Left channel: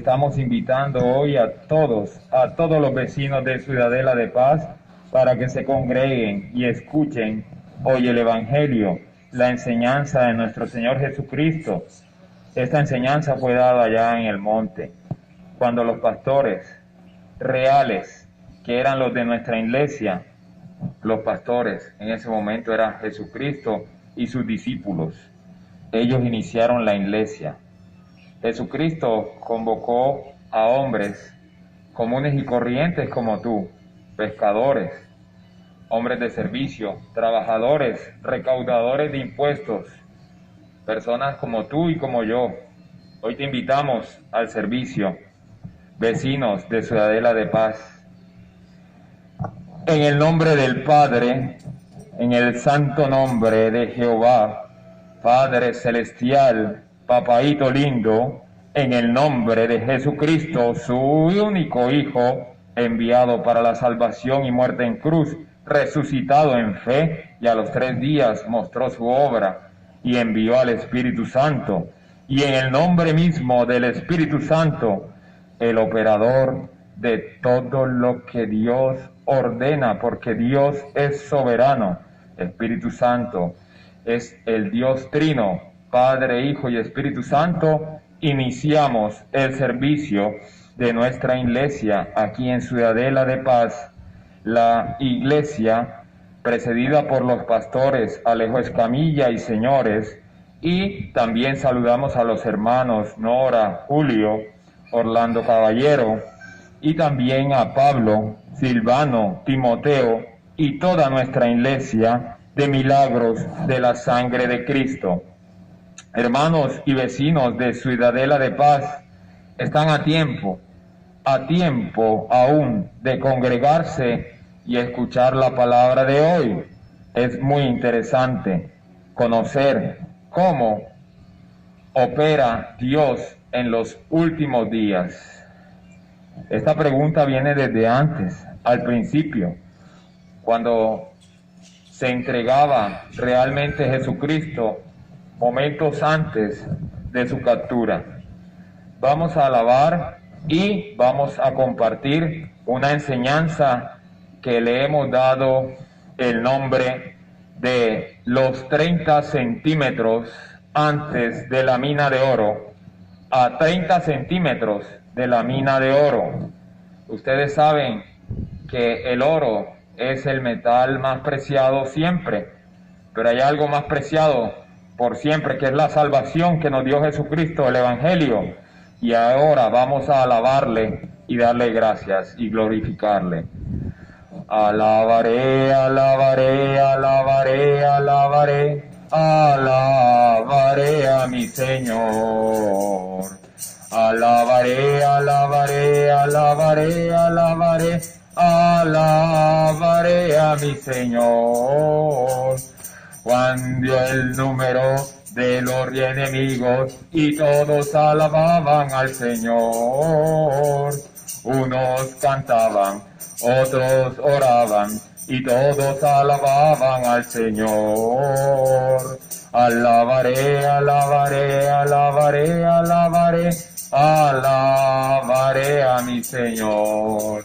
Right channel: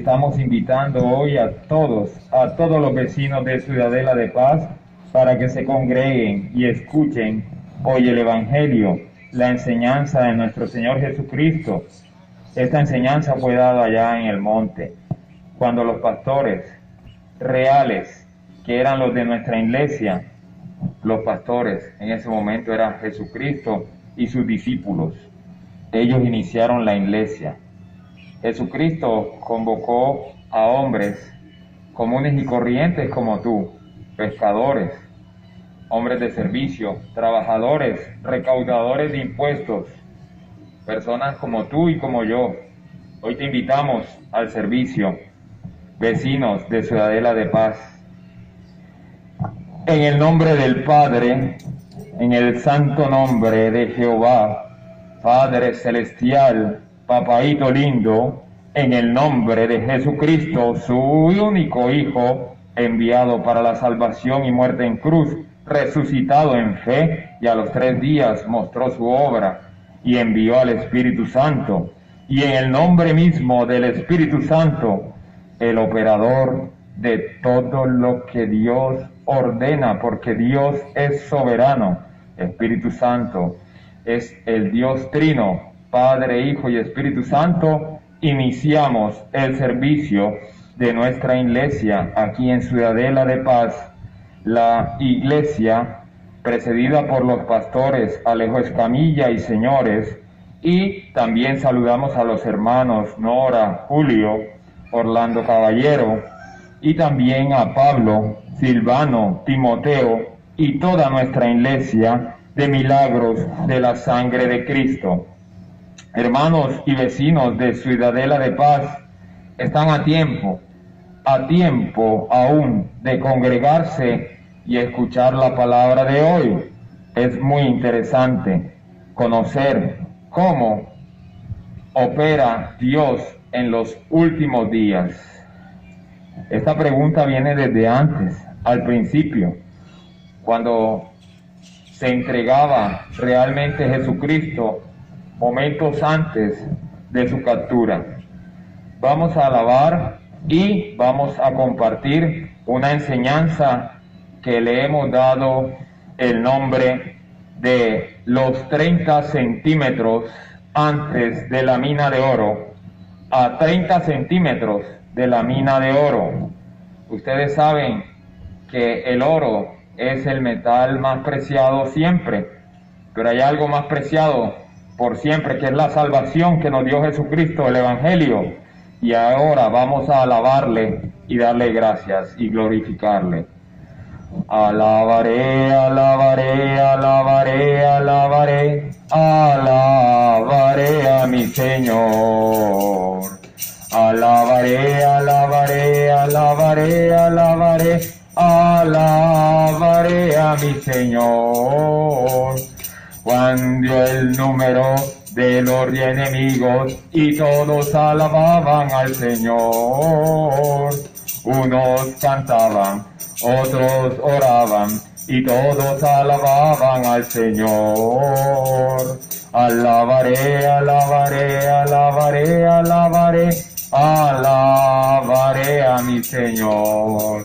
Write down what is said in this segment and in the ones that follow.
estamos invitando hoy a todos los vecinos de Ciudadela de Paz, para que se congreguen y escuchen hoy el Evangelio, la enseñanza de nuestro Señor Jesucristo. Esta enseñanza fue dada allá en el monte, cuando los pastores reales, que eran los de nuestra iglesia, los pastores en ese momento eran Jesucristo y sus discípulos. Ellos iniciaron la iglesia. Jesucristo convocó a hombres comunes y corrientes como tú, pescadores, hombres de servicio, trabajadores, recaudadores de impuestos, personas como tú y como yo. Hoy te invitamos al servicio, vecinos de Ciudadela de Paz. En el nombre del Padre, en el santo nombre de Jehová, Padre celestial, papaíto lindo, en el nombre de Jesucristo, su único Hijo, enviado para la salvación y muerte en cruz, resucitado en fe, y a los 3 días mostró su obra y envió al Espíritu Santo. Y en el nombre mismo del Espíritu Santo, el operador de todo lo que Dios ordena, porque Dios es soberano. Espíritu Santo es el Dios trino, Padre, Hijo y Espíritu Santo. Iniciamos el servicio de nuestra iglesia aquí en Ciudadela de Paz, la iglesia precedida por los pastores Alejo Escamilla y señores, y también saludamos a los hermanos Nora, Julio, Orlando Caballero, y también a Pablo, Silvano, Timoteo y toda nuestra iglesia de Milagros de la Sangre de Cristo. Hermanos y vecinos de Ciudadela de Paz, están a tiempo aún de congregarse y escuchar la palabra de hoy. Es muy interesante conocer cómo opera Dios en los últimos días. Esta pregunta viene desde antes, al principio, cuando se entregaba realmente Jesucristo, momentos antes de su captura. Vamos a alabar y vamos a compartir una enseñanza que le hemos dado el nombre de los 30 centímetros antes de la mina de oro, a 30 centímetros de la mina de oro. Ustedes saben que el oro es el metal más preciado siempre, pero hay algo más preciado por siempre, que es la salvación que nos dio Jesucristo, el Evangelio. Y ahora vamos a alabarle y darle gracias y glorificarle. Alabaré, alabaré, alabaré, alabaré, alabaré a mi Señor. Alabaré, alabaré, alabaré, alabaré, alabaré a mi Señor. Juan dio el número de los enemigos y todos alababan al Señor. Unos cantaban, otros oraban y todos alababan al Señor. Alabaré, alabaré, alabaré, alabaré, alabaré a mi Señor.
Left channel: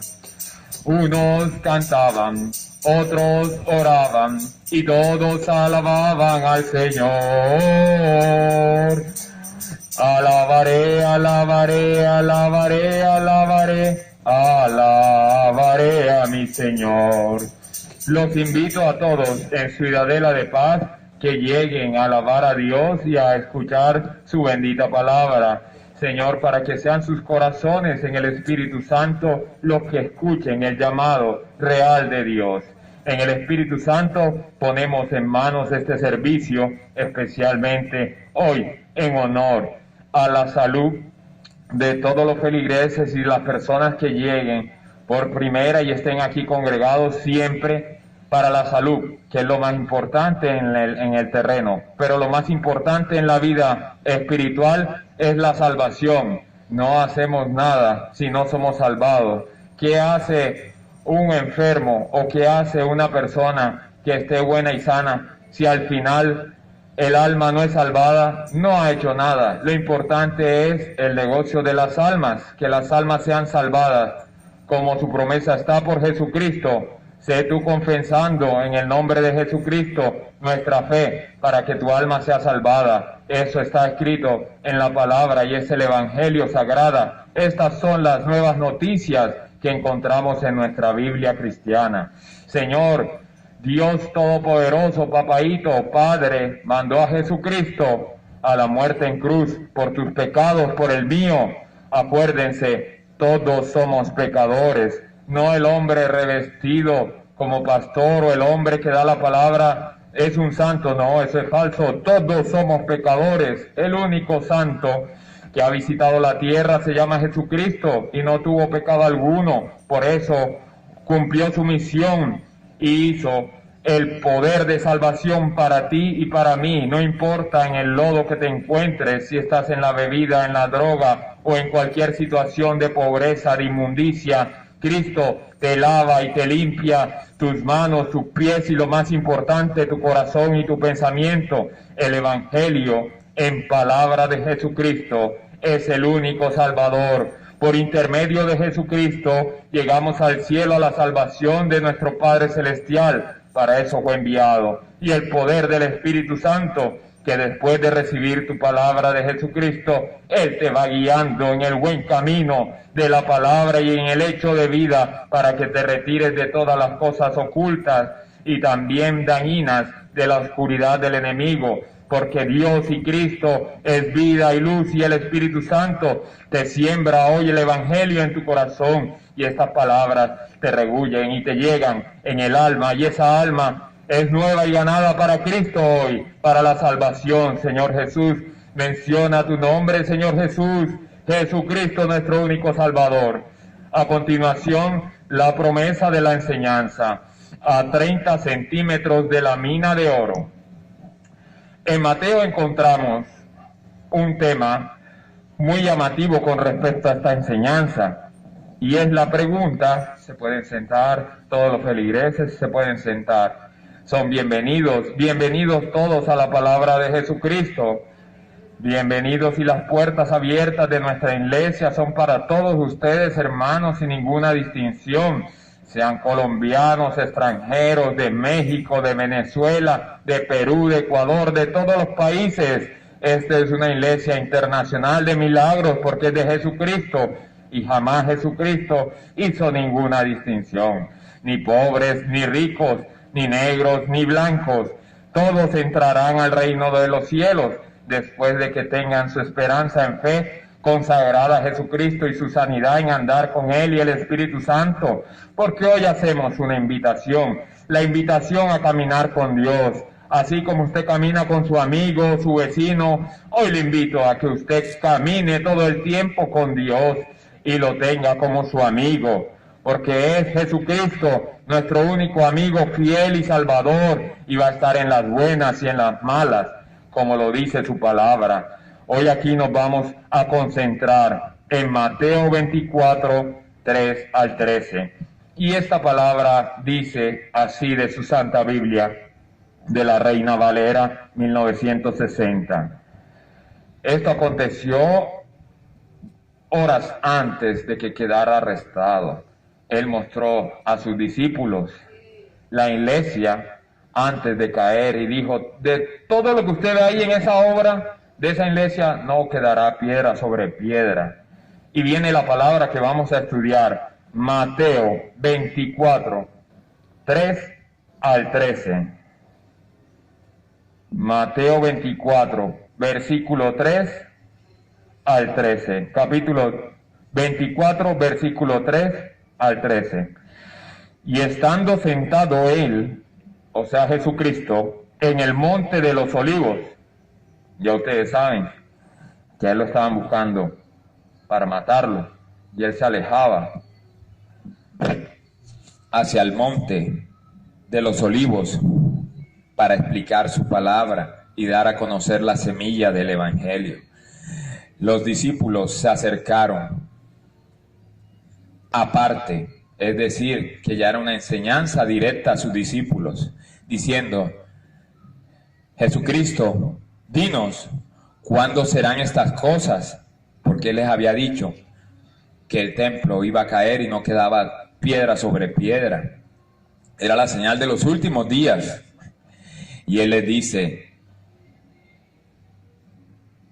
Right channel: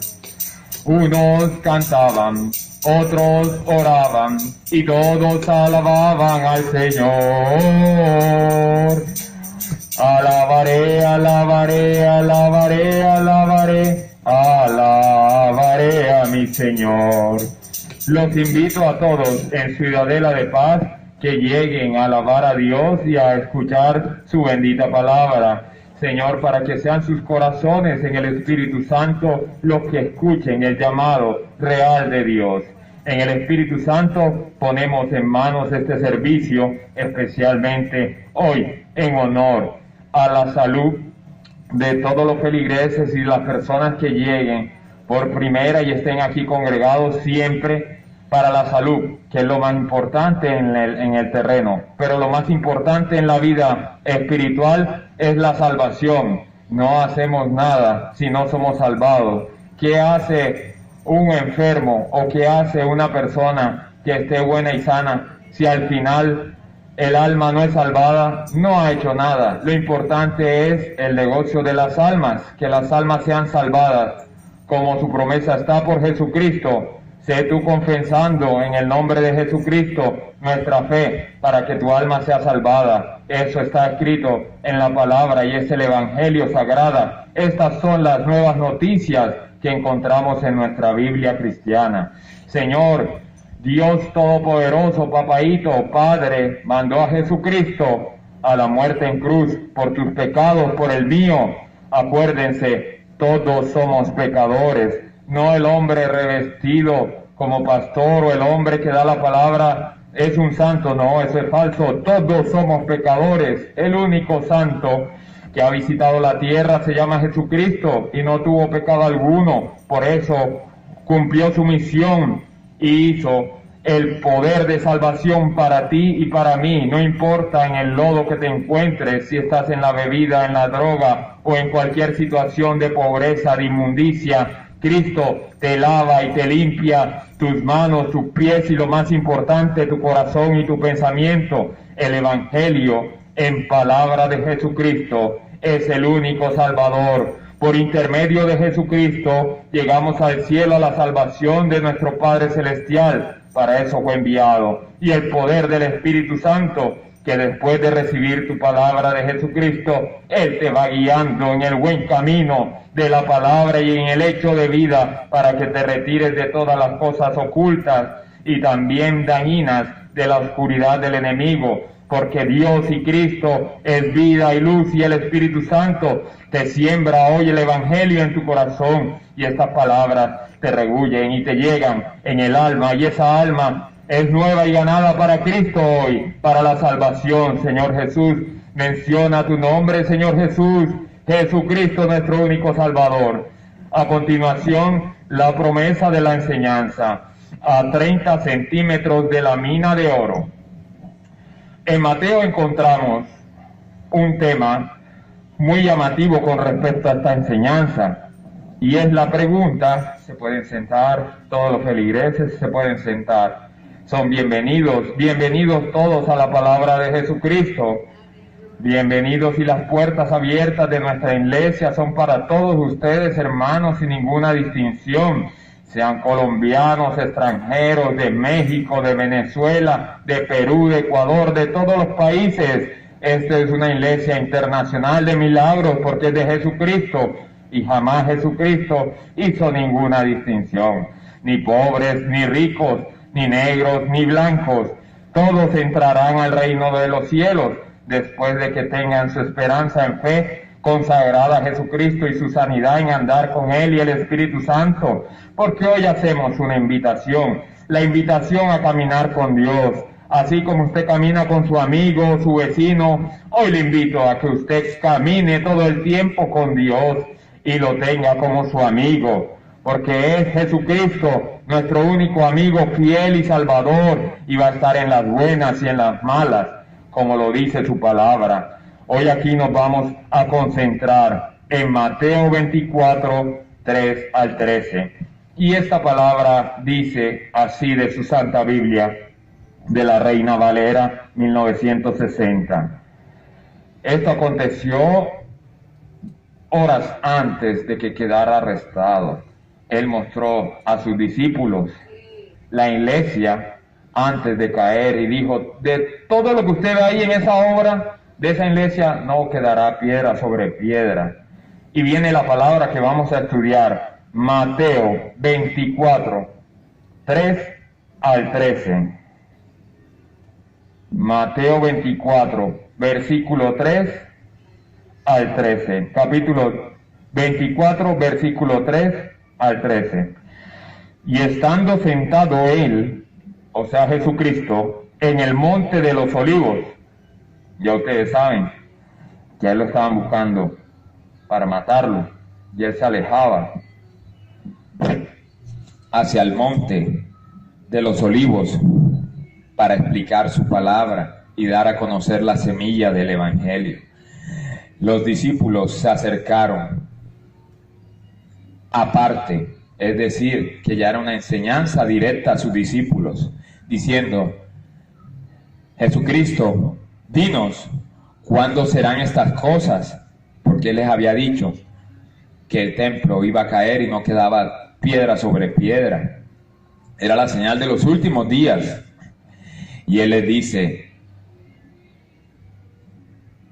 Unos cantaban, otros oraban y todos alababan al Señor. Alabaré, alabaré, alabaré, alabaré, alabaré a mi Señor. Los invito a todos en Ciudadela de Paz que lleguen a alabar a Dios y a escuchar su bendita palabra. Señor, para que sean sus corazones en el Espíritu Santo los que escuchen el llamado real de Dios. En el Espíritu Santo ponemos en manos este servicio, especialmente hoy, en honor a la salud de todos los feligreses y las personas que lleguen por primera y estén aquí congregados siempre para la salud, que es lo más importante en el terreno, pero lo más importante en la vida espiritual es la salvación. No hacemos nada si no somos salvados. ¿Qué hace un enfermo o qué hace una persona que esté buena y sana si al final el alma no es salvada, no ha hecho nada. Lo importante es el negocio de las almas, que las almas sean salvadas, como su promesa está por Jesucristo. Sé tú confesando en el nombre de Jesucristo nuestra fe para que tu alma sea salvada. Eso está escrito en la palabra y es el Evangelio sagrada. Estas son las nuevas noticias que encontramos en nuestra Biblia cristiana. Señor, Dios Todopoderoso, Papaíto, Padre, mandó a Jesucristo a la muerte en cruz por tus pecados, por el mío. Acuérdense, todos somos pecadores, no el hombre revestido como pastor o el hombre que da la palabra es un santo, no, eso es falso. Todos somos pecadores. El único santo que ha visitado la tierra se llama Jesucristo y no tuvo pecado alguno. Por eso cumplió su misión y hizo el poder de salvación para ti y para mí. No importa en el lodo que te encuentres, si estás en la bebida, en la droga o en cualquier situación de pobreza, de inmundicia, Cristo te lava y te limpia tus manos, tus pies y lo más importante, tu corazón y tu pensamiento. El Evangelio en palabra de Jesucristo es el único Salvador. Por intermedio de Jesucristo llegamos al cielo, a la salvación de nuestro Padre Celestial. Para eso fue enviado. Y el poder del Espíritu Santo, que después de recibir tu palabra de Jesucristo, Él te va guiando en el buen camino de la palabra y en el hecho de vida para que te retires de todas las cosas ocultas y también dañinas de la oscuridad del enemigo. Porque Dios y Cristo es vida y luz y el Espíritu Santo te siembra hoy el Evangelio en tu corazón y estas palabras te regullen y te llegan en el alma y esa alma es nueva y ganada para Cristo hoy, para la salvación. Señor Jesús, menciona tu nombre, Señor Jesús, Jesucristo nuestro único Salvador. A continuación, la promesa de la enseñanza, a 30 centímetros de la mina de oro. En Mateo encontramos un tema muy llamativo con respecto a esta enseñanza y es la pregunta, se pueden sentar, todos los feligreses se pueden sentar, son bienvenidos todos a la palabra de Jesucristo, bienvenidos y las puertas abiertas de nuestra iglesia son para todos ustedes hermanos sin ninguna distinción. Sean colombianos, extranjeros, de México, de Venezuela, de Perú, de Ecuador, de todos los países. Esta es una iglesia internacional de milagros porque es de Jesucristo y jamás Jesucristo hizo ninguna distinción. Ni pobres, ni ricos, ni negros, ni blancos. Todos entrarán al reino de los cielos después de que tengan su esperanza en fe consagrada a Jesucristo y su sanidad en andar con Él y el Espíritu Santo, porque hoy hacemos una invitación, la invitación a caminar con Dios, así como usted camina con su amigo, su vecino, hoy le invito a que usted camine todo el tiempo con Dios y lo tenga como su amigo, porque es Jesucristo, nuestro único amigo fiel y salvador, y va a estar en las buenas y en las malas, como lo dice su palabra. Hoy aquí nos vamos a concentrar en Mateo 24, 3 al 13. Y esta palabra dice así de su Santa Biblia, de la Reina Valera 1960. Esto aconteció horas antes de que quedara arrestado. Él mostró a sus discípulos la iglesia antes de caer y dijo, de todo lo que usted ve ahí en esa obra, de esa iglesia no quedará piedra sobre piedra. Y viene la palabra que vamos a estudiar, Mateo 24, 3 al 13. Mateo 24, versículo 3 al 13. Capítulo 24, versículo 3 al 13. Y estando sentado él, o sea Jesucristo, en el monte de los olivos, ya ustedes saben que a él lo estaban buscando para matarlo, y él se alejaba hacia el monte de los olivos para explicar su palabra y dar a conocer la semilla del Evangelio. Los discípulos se acercaron aparte, es decir, que ya era una enseñanza directa a sus discípulos, diciendo, Jesucristo, dinos, ¿cuándo serán estas cosas? Porque Él les había dicho que el templo iba a caer y no quedaba piedra sobre piedra. Era la señal de los últimos días. Y Él les dice,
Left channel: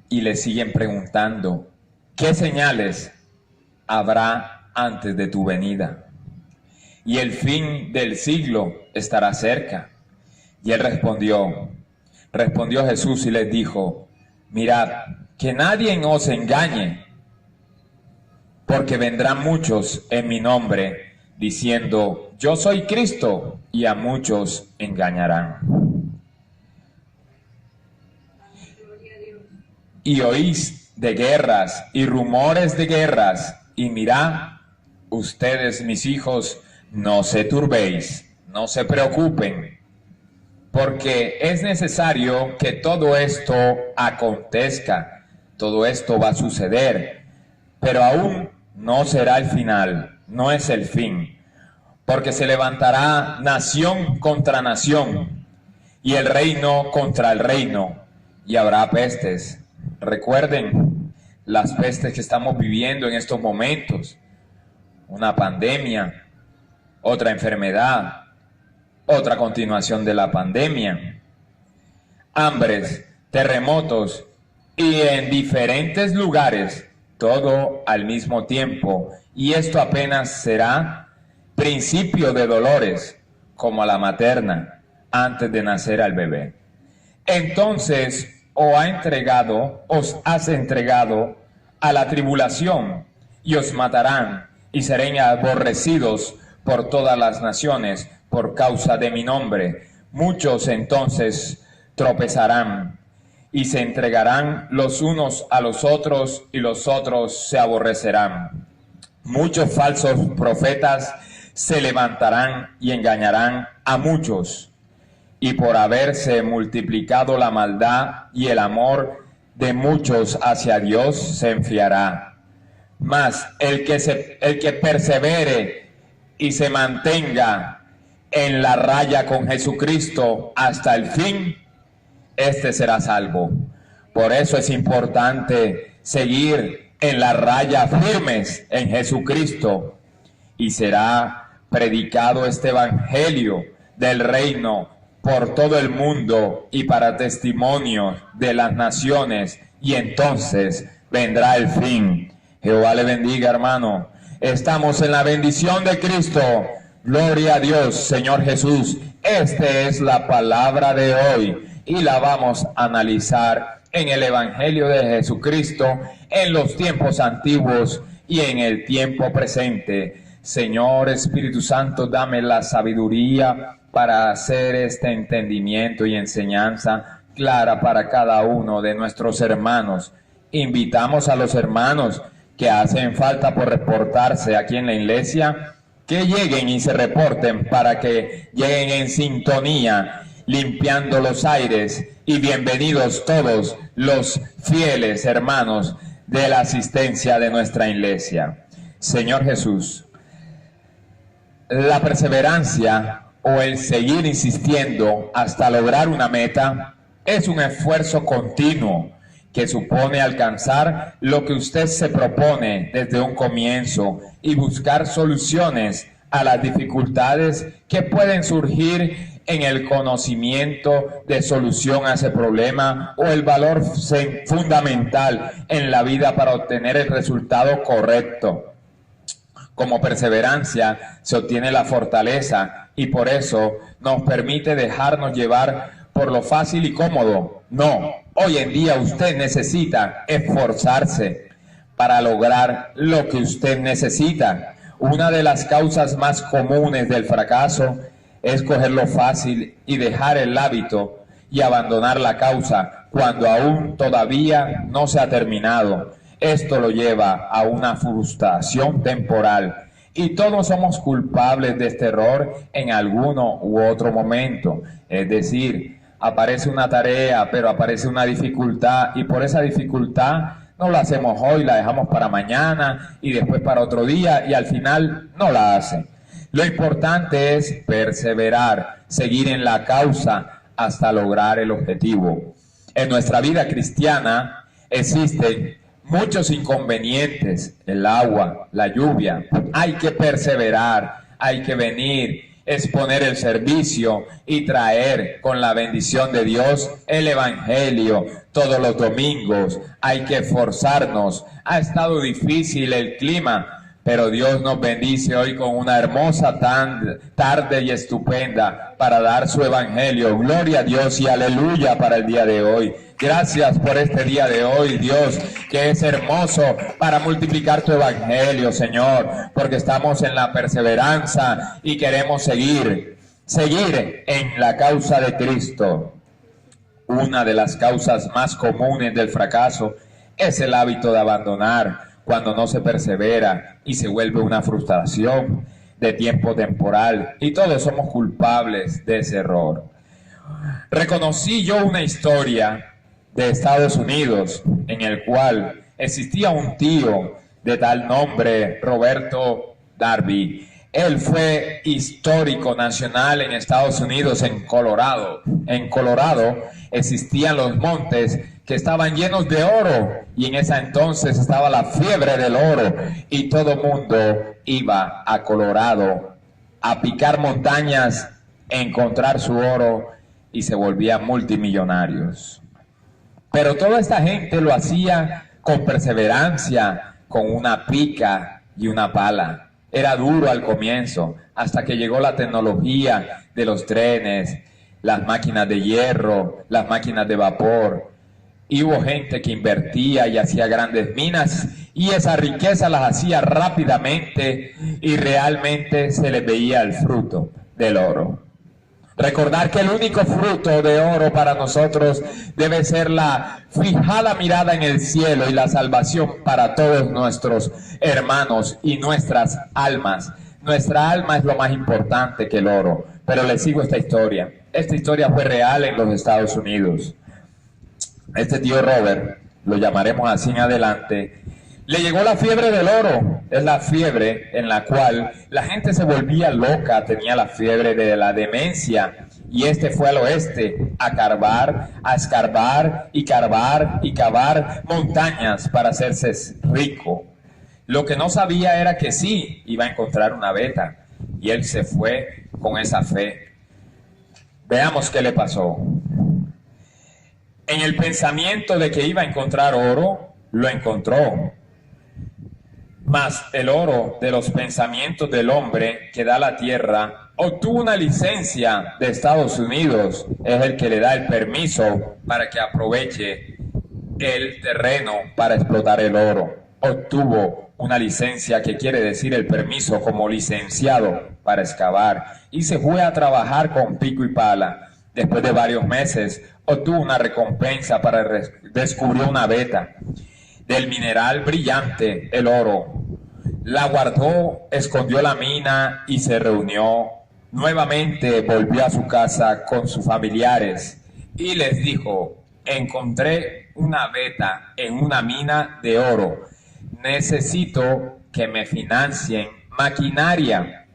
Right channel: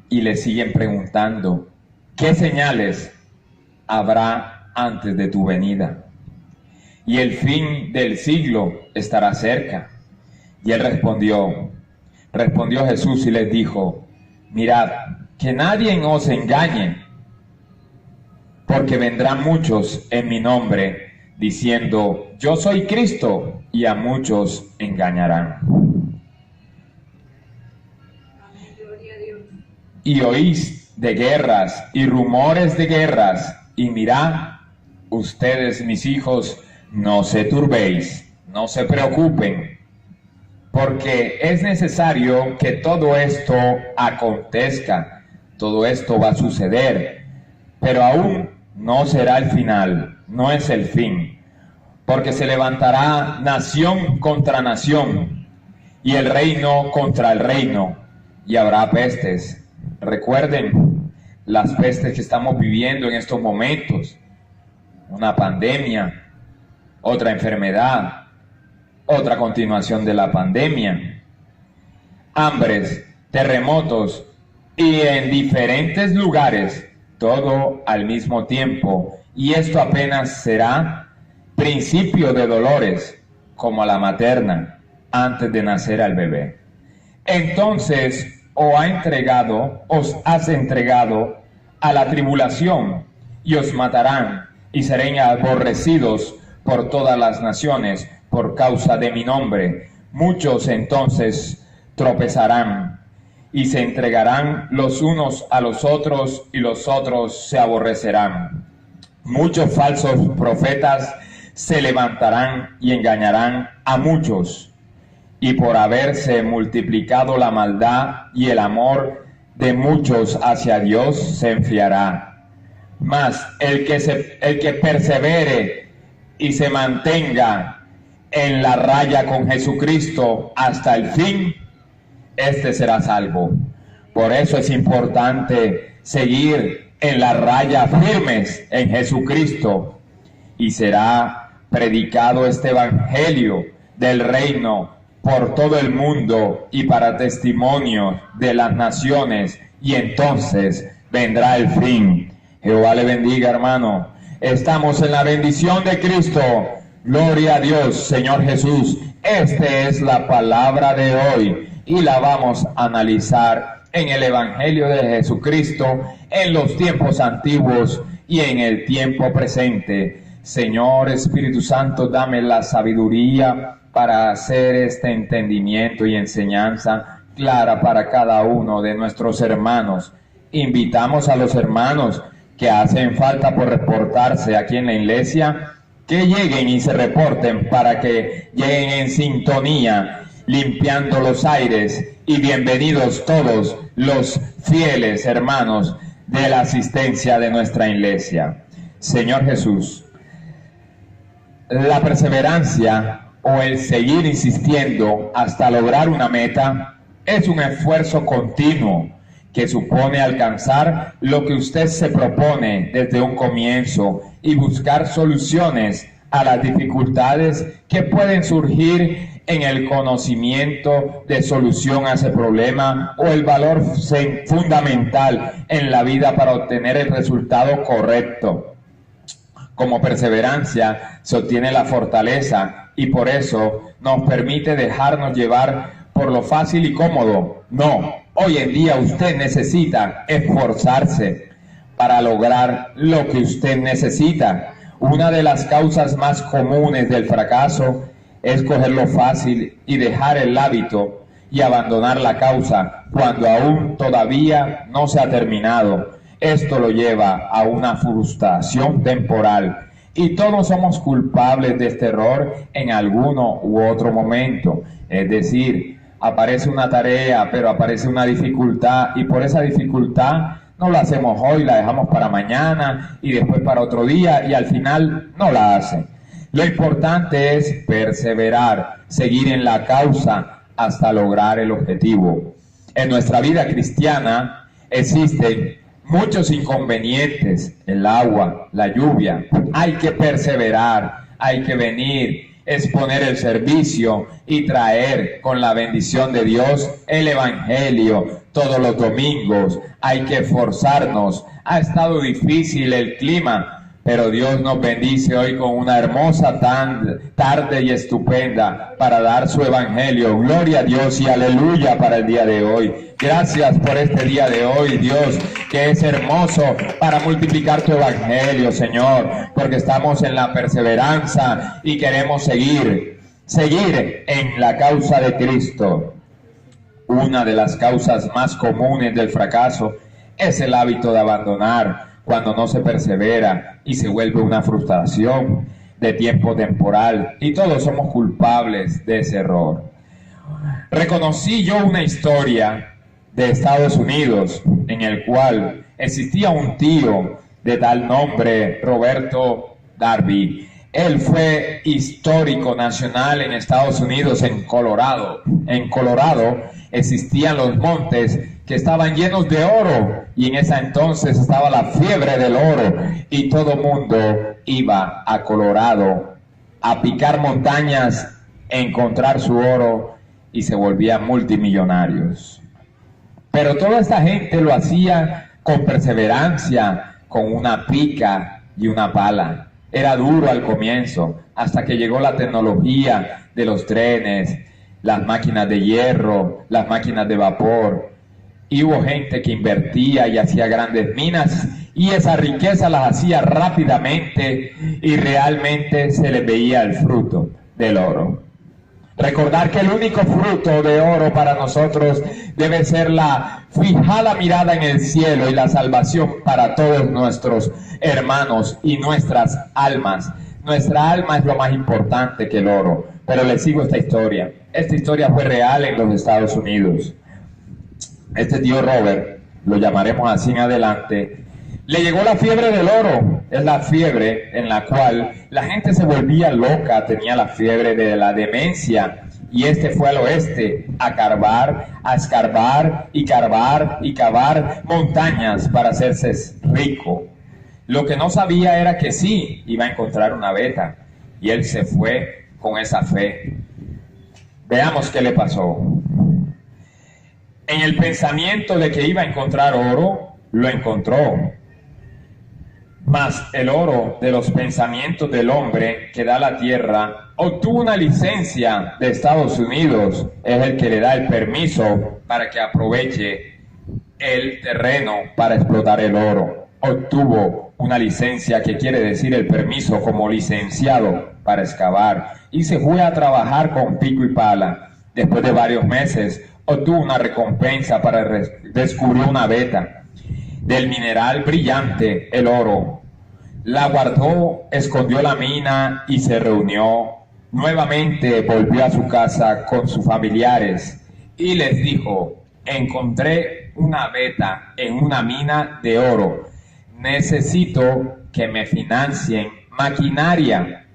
y le siguen preguntando, ¿qué señales habrá antes de tu venida? Y el fin del siglo estará cerca. Y Él respondió Jesús y les dijo, mirad, que nadie os engañe, porque vendrán muchos en mi nombre, diciendo, yo soy Cristo, y a muchos engañarán. Y oís de guerras y rumores de guerras, y mirad, ustedes, mis hijos, no se turbéis, no se preocupen, porque es necesario que todo esto acontezca, todo esto va a suceder, pero aún no será el final, no es el fin, porque se levantará nación contra nación, y el reino contra el reino, y habrá pestes. Recuerden las pestes que estamos viviendo en estos momentos, una pandemia, otra enfermedad, otra continuación de la pandemia, hambres, terremotos y en diferentes lugares, todo al mismo tiempo, y esto apenas será principio de dolores, como a la materna, antes de nacer al bebé. Entonces os has entregado a la tribulación, y os matarán, y seréis aborrecidos por todas las naciones, por causa de mi nombre. Muchos entonces tropezarán, y se entregarán los unos a los otros, y los otros se aborrecerán. Muchos falsos profetas se levantarán y engañarán a muchos. Y por haberse multiplicado la maldad y el amor de muchos hacia Dios se enfriará. Mas el que persevere y se mantenga en la raya con Jesucristo hasta el fin, este será salvo. Por eso es importante seguir en la raya firmes en Jesucristo, y será predicado este evangelio del reino por todo el mundo y para testimonio de las naciones, y entonces vendrá el fin. Jehová le bendiga, hermano. Estamos en la bendición de Cristo. Gloria a Dios, Señor Jesús. Esta es la palabra de hoy y la vamos a analizar en el Evangelio de Jesucristo, en los tiempos antiguos y en el tiempo presente. Señor Espíritu Santo, dame la sabiduría para hacer este entendimiento y enseñanza clara para cada uno de nuestros hermanos. Invitamos a los hermanos que hacen falta por reportarse aquí en la iglesia, que lleguen y se reporten para que lleguen en sintonía, limpiando los aires, y bienvenidos todos los fieles hermanos de la asistencia de nuestra iglesia. Señor Jesús, la perseverancia o el seguir insistiendo hasta lograr una meta es un esfuerzo continuo que supone alcanzar lo que usted se propone desde un comienzo y buscar soluciones a las dificultades que pueden surgir en el conocimiento de solución a ese problema o el valor fundamental en la vida para obtener el resultado correcto. Como perseverancia se obtiene la fortaleza, y por eso nos permite dejarnos llevar por lo fácil y cómodo. No, hoy en día usted necesita esforzarse para lograr lo que usted necesita. Una de las causas más comunes del fracaso es coger lo fácil y dejar el hábito y abandonar la causa cuando aún todavía no se ha terminado. Esto lo lleva a una frustración temporal, y todos somos culpables de este error en alguno u otro momento. Es decir, aparece una tarea, pero aparece una dificultad, y por esa dificultad no la hacemos hoy, la dejamos para mañana y después para otro día, y al final no la hace. Lo importante es perseverar, seguir en la causa hasta lograr el objetivo. En nuestra vida cristiana existen muchos inconvenientes, el agua, la lluvia. Hay que perseverar, hay que venir, exponer el servicio y traer con la bendición de Dios el Evangelio todos los domingos. Hay que esforzarnos. Ha estado difícil el clima, pero Dios nos bendice hoy con una hermosa tarde y estupenda para dar su Evangelio. Gloria a Dios y aleluya para el día de hoy. Gracias por este día de hoy, Dios, que es hermoso para multiplicar tu Evangelio, Señor, porque estamos en la perseverancia y queremos seguir en la causa de Cristo. Una de las causas más comunes del fracaso es el hábito de abandonar cuando no se persevera y se vuelve una frustración de tiempo temporal, y todos somos culpables de ese error. Reconocí yo una historia de Estados Unidos en el cual existía un tío de tal nombre, Roberto Darby. Él fue histórico nacional en Estados Unidos, en Colorado. En Colorado existían los montes que estaban llenos de oro, y en ese entonces estaba la fiebre del oro, y todo mundo iba a Colorado a picar montañas, encontrar su oro, y se volvían multimillonarios. Pero toda esta gente lo hacía con perseverancia, con una pica y una pala. Era duro al comienzo, hasta que llegó la tecnología de los trenes, las máquinas de hierro, las máquinas de vapor. Y hubo gente que invertía y hacía grandes minas, y esa riqueza las hacía rápidamente, y realmente se les veía el fruto del oro. Recordar que el único fruto de oro para nosotros debe ser la fijada mirada en el cielo y la salvación para todos nuestros hermanos y nuestras almas. Nuestra alma es lo más importante que el oro. Pero les sigo esta historia. Esta historia fue real en los Estados Unidos. Este tío Robert, lo llamaremos así en adelante, le llegó la fiebre del oro. Es la fiebre en la cual la gente se volvía loca, tenía la fiebre de la demencia. Y este fue al oeste a carvar, a escarbar y carvar y cavar montañas para hacerse rico. Lo que no sabía era que sí iba a encontrar una beta, y él se fue con esa fe. Veamos qué le pasó. En el pensamiento de que iba a encontrar oro, lo encontró. Mas el oro de los pensamientos del hombre que da la tierra obtuvo una licencia de Estados Unidos. Es el que le da el permiso para que aproveche el terreno para explotar el oro. Obtuvo una licencia, que quiere decir el permiso como licenciado para excavar, y se fue a trabajar con pico y pala. Después de varios meses obtuvo una recompensa para descubrir una beta del mineral brillante, el oro. La guardó, escondió la mina y se reunió. Nuevamente volvió a su casa con sus familiares y les dijo: encontré una beta en una mina de oro. Necesito que me financien maquinaria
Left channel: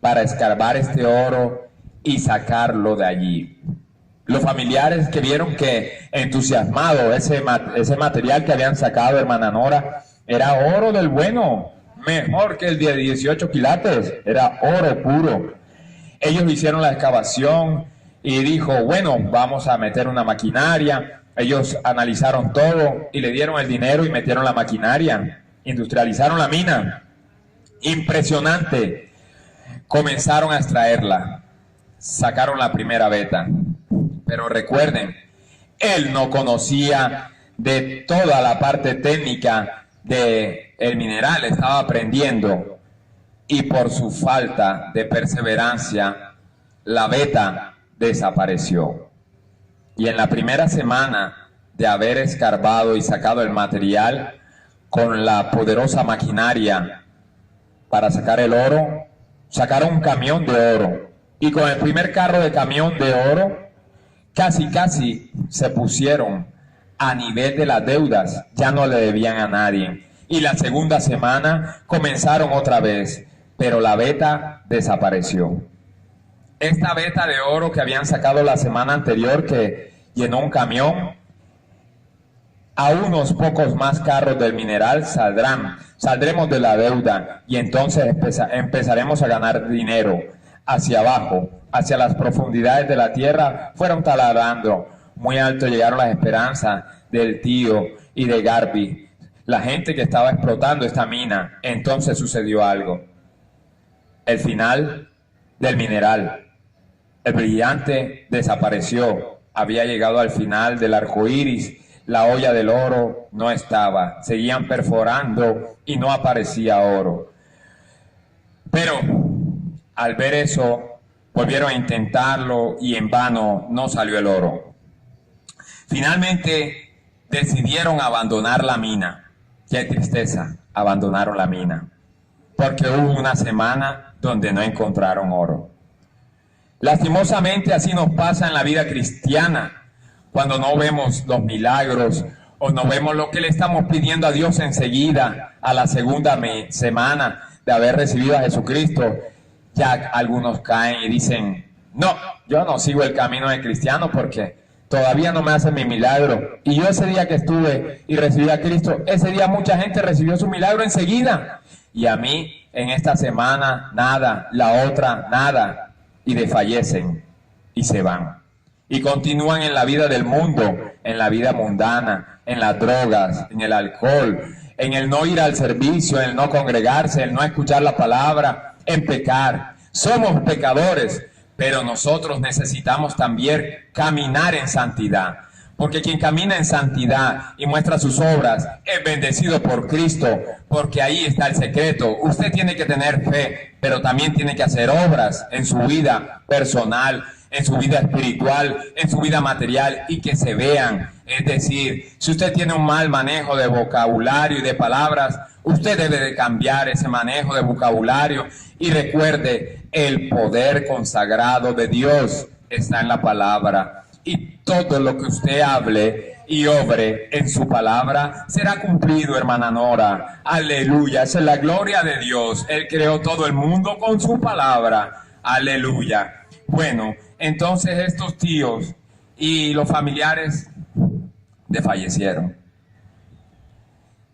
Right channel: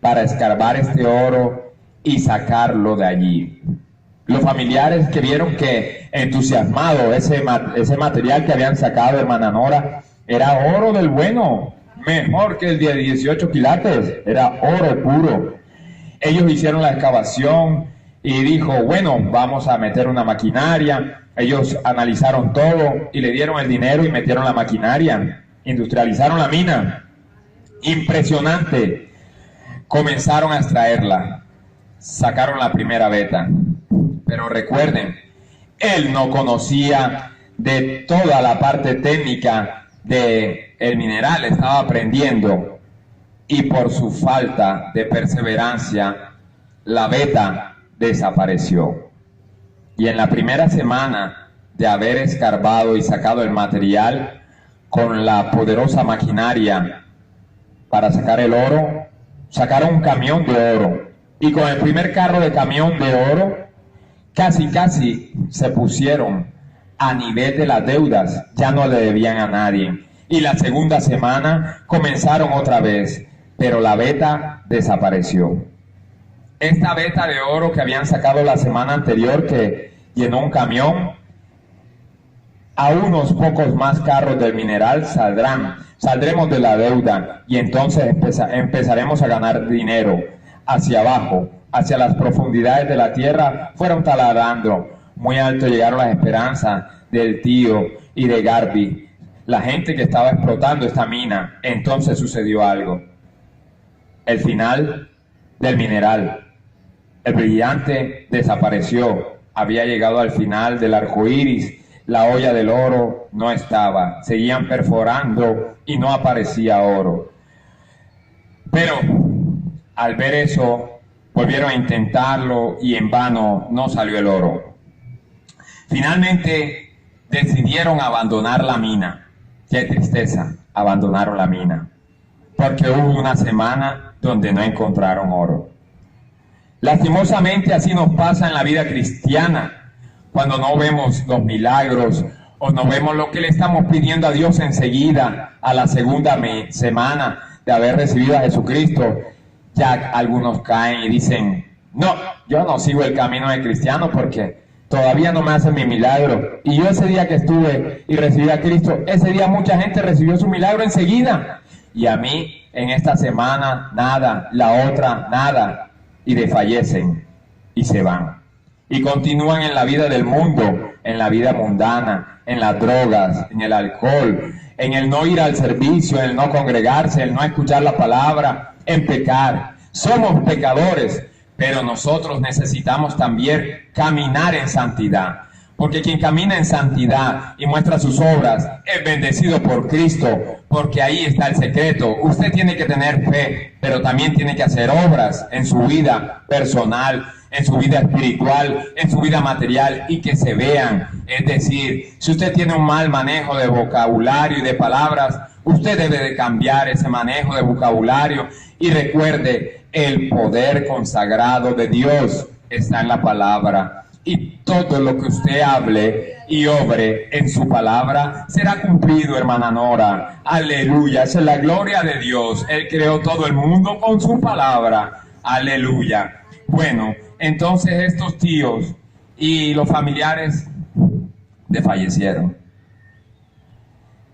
para escarbar este oro y sacarlo de allí. Los familiares, que vieron que entusiasmado ese material que habían sacado, hermana Nora, era oro del bueno, mejor que el de 18 quilates, era oro puro. Ellos hicieron la excavación y dijo: bueno, vamos a meter una maquinaria. Ellos analizaron todo y le dieron el dinero y metieron la maquinaria. Industrializaron la mina. Impresionante. Comenzaron a extraerla. Sacaron la primera beta. Pero recuerden, él no conocía de toda la parte técnica del mineral, estaba aprendiendo, y por su falta de perseverancia, la beta desapareció. Y en la primera semana de haber escarbado y sacado el material con la poderosa maquinaria para sacar el oro, sacaron un camión de oro, y con el primer carro de camión de oro, casi se pusieron a nivel de las deudas, ya no le debían a nadie. Y la segunda semana comenzaron otra vez, pero la beta desapareció. esta veta de oro que habían sacado la semana anterior, que llenó un camión, a unos pocos más carros del mineral saldremos de la deuda y entonces empezaremos a ganar dinero. Hacia abajo, hacia las profundidades de la tierra, fueron taladrando. Muy alto llegaron las esperanzas del tío y de Garby, la gente que estaba explotando esta mina. Entonces sucedió algo. El final del mineral. El brillante desapareció. Había llegado al final del arco iris. La olla del oro no estaba. Seguían perforando y no aparecía oro. Pero al ver eso, volvieron a intentarlo y en vano no salió el oro. Finalmente decidieron abandonar la mina. Qué tristeza, abandonaron la mina. Porque hubo una semana donde no encontraron oro. Lastimosamente así nos pasa en la vida cristiana. Cuando no vemos los milagros o no vemos lo que le estamos pidiendo a Dios enseguida, a la segunda semana de haber recibido a Jesucristo, ya algunos caen y dicen, no, yo no sigo el camino del cristiano porque todavía no me hacen mi milagro. Y yo ese día que estuve y recibí a Cristo, ese día mucha gente recibió su milagro enseguida. Y a mí en esta semana nada, la otra nada, y desfallecen y se van. Y continúan en la vida del mundo, en la vida mundana, en las drogas, en el alcohol, en el no ir al servicio, en el no congregarse, en el no escuchar la palabra, en pecar. Somos pecadores, pero nosotros necesitamos también caminar en santidad. Porque quien camina en santidad y muestra sus obras es bendecido por Cristo, porque ahí está el secreto. Usted tiene que tener fe, pero también tiene que hacer obras en su vida personal, en su vida espiritual, en su vida material y que se vean. Es decir, si usted tiene un mal manejo de vocabulario y de palabras, usted debe de cambiar ese manejo de vocabulario y recuerde, el poder consagrado de Dios está en la palabra. Y todo lo que usted hable y obre en su palabra será cumplido, hermana Nora. Aleluya, esa es la gloria de Dios. Él creó todo el mundo con su palabra. Aleluya. Bueno, entonces estos tíos y los familiares desfallecieron.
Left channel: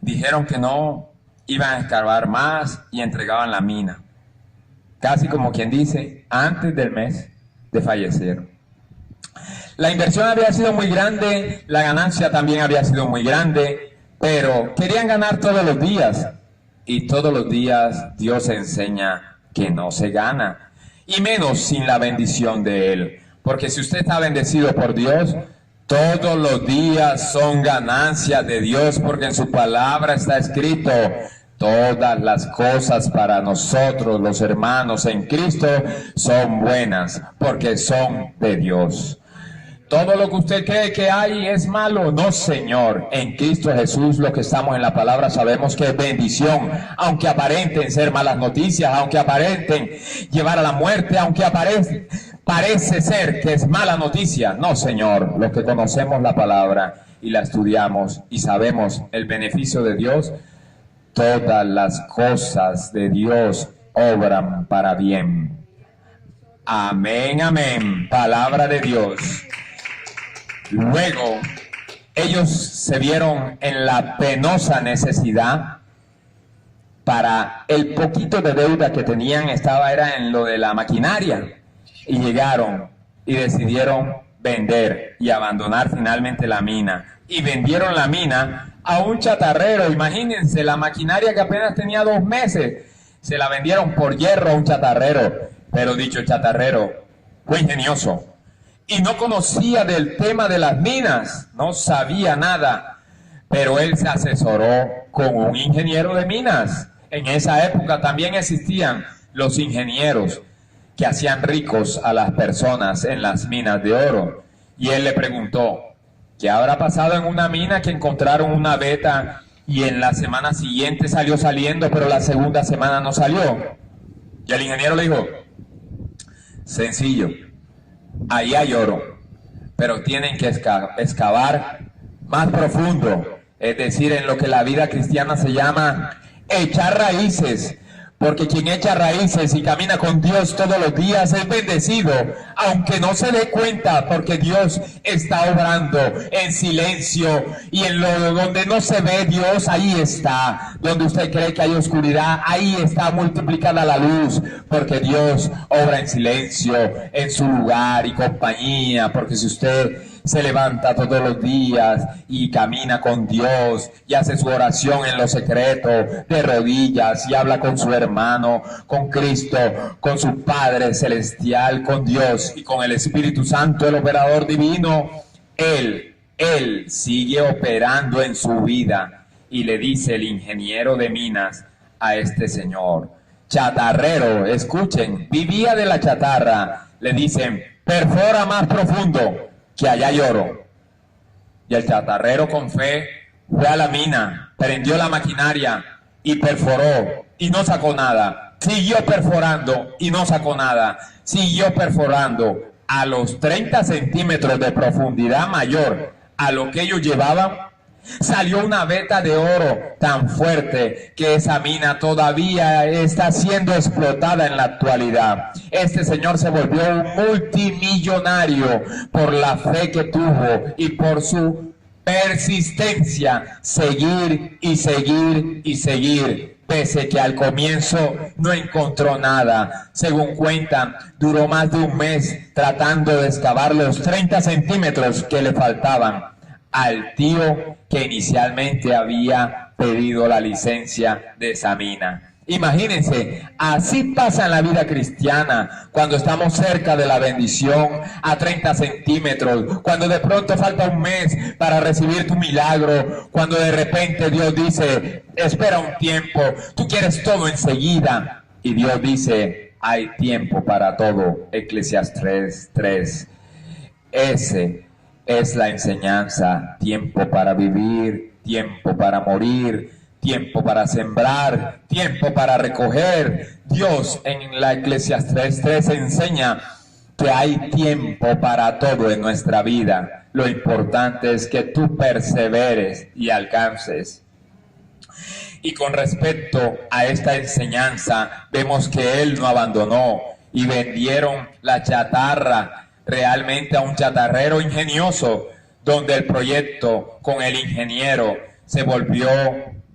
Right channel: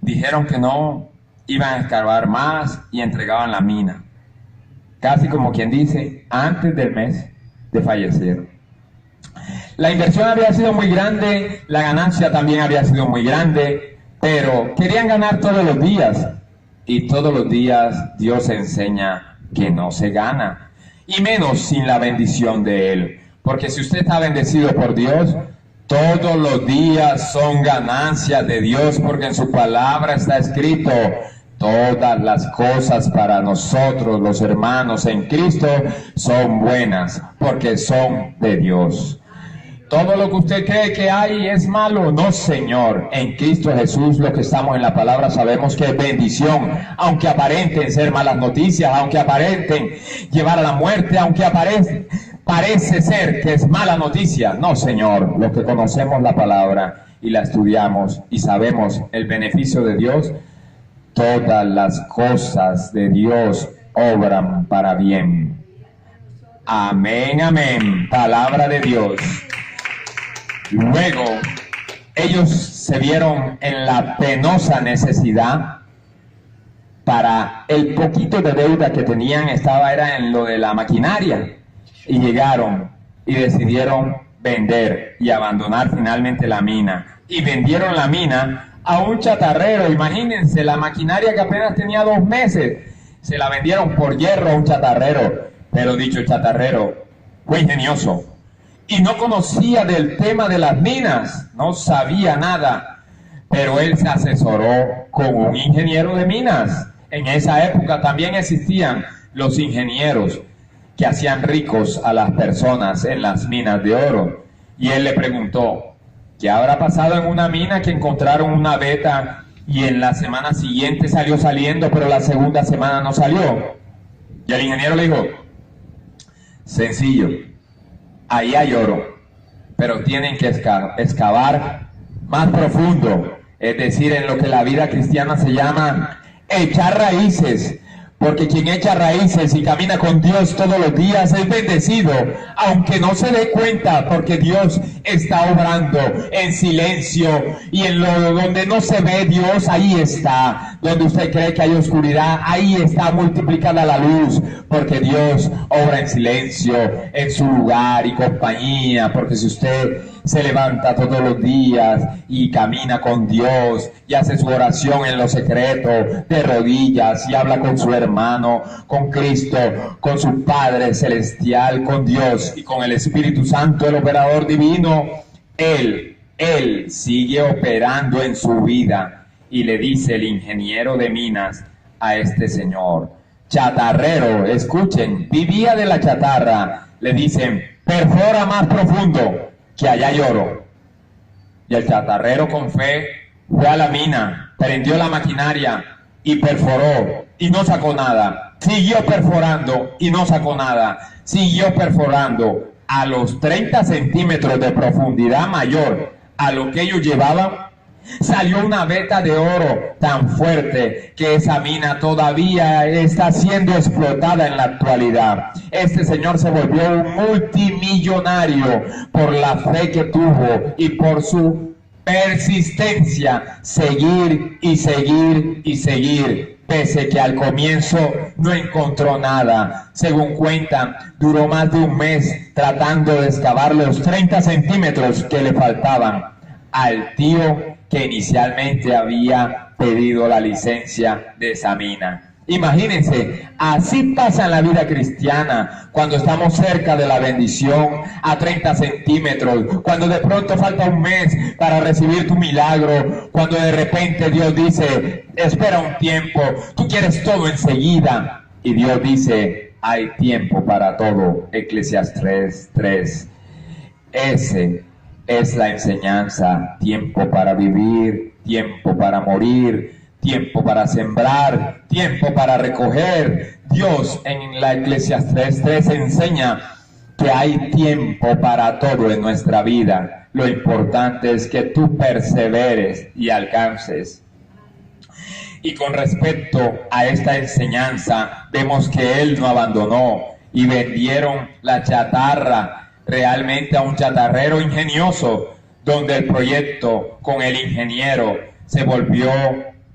Dijeron que no iban a escarbar más y entregaban la mina. Casi como quien dice, antes del mes desfallecieron. La inversión había sido muy grande, la ganancia también había sido muy grande, pero querían ganar todos los días. Y todos los días Dios enseña que no se gana, y menos sin la bendición de Él. Porque si usted está bendecido por Dios, todos los días son ganancias de Dios, porque en su palabra está escrito, todas las cosas para nosotros, los hermanos en Cristo, son buenas, porque son de Dios. Todo lo que usted cree que hay es malo, no, Señor. En Cristo Jesús, los que estamos en la palabra, sabemos que es bendición, aunque aparenten ser malas noticias, aunque aparenten llevar a la muerte, aunque parece ser que es mala noticia. No, Señor, los que conocemos la palabra y la estudiamos y sabemos el beneficio de Dios, todas las cosas de Dios obran para bien. Amén, amén. Palabra de Dios. Luego, ellos se vieron en la penosa necesidad. Para el poquito de deuda que tenían era en lo de la maquinaria. Y llegaron y decidieron vender y abandonar finalmente la mina. Y vendieron la mina a un chatarrero. Imagínense, la maquinaria que apenas tenía 2 meses, se la vendieron por hierro a un chatarrero. Pero dicho chatarrero, fue ingenioso. Y no conocía del tema de las minas, no sabía nada, pero él se asesoró con un ingeniero de minas. En esa época también existían los ingenieros que hacían ricos a las personas en las minas de oro. Y él le preguntó, ¿qué habrá pasado en una mina que encontraron una veta y en la semana siguiente salió saliendo, pero la segunda semana no salió? Y el ingeniero le dijo, sencillo. Ahí hay oro, pero tienen que excavar más profundo, es decir, en lo que la vida cristiana se llama echar raíces, Porque quien echa raíces y camina con Dios todos los días es bendecido, aunque no se dé cuenta, porque Dios está obrando en silencio, y en lo donde no se ve Dios, ahí está. Donde usted cree que hay oscuridad, ahí está multiplicada la luz, porque Dios obra en silencio, en su lugar y compañía. Porque si usted se levanta todos los días y camina con Dios y hace su oración en lo secreto, de rodillas, y habla con su hermano, con Cristo, con su Padre Celestial, con Dios y con el Espíritu Santo, el operador divino, Él sigue operando en su vida. Y le dice el ingeniero de minas a este señor, chatarrero, escuchen, vivía de la chatarra, le dicen, perfora más profundo, que allá hay oro. Y el chatarrero con fe fue a la mina, prendió la maquinaria y perforó y no sacó nada. Siguió perforando y no sacó nada. Siguió perforando. A los 30 centímetros de profundidad mayor a lo que ellos llevaban, salió una veta de oro tan fuerte que esa mina todavía está siendo explotada en la actualidad. Este señor se volvió un multimillonario por la fe que tuvo y por su persistencia, seguir y seguir y seguir, pese que al comienzo no encontró nada. Según cuentan, duró más de un mes tratando de excavar los 30 centímetros que le faltaban al tío que inicialmente había pedido la licencia de esa mina. Imagínense, así pasa en la vida cristiana, cuando estamos cerca de la bendición, a 30 centímetros, cuando de pronto falta un mes para recibir tu milagro, cuando de repente Dios dice, espera un tiempo, tú quieres todo enseguida, y Dios dice, hay tiempo para todo. Eclesiastés 3. Ese es la enseñanza: tiempo para vivir, tiempo para morir, tiempo para sembrar, tiempo para recoger. Dios en la Eclesiastés 3 enseña que hay tiempo para todo en nuestra vida. Lo importante es que tú perseveres y alcances. Y con respecto a esta enseñanza, vemos que él no abandonó y vendieron la chatarra realmente a un chatarrero ingenioso, donde el proyecto con el ingeniero se volvió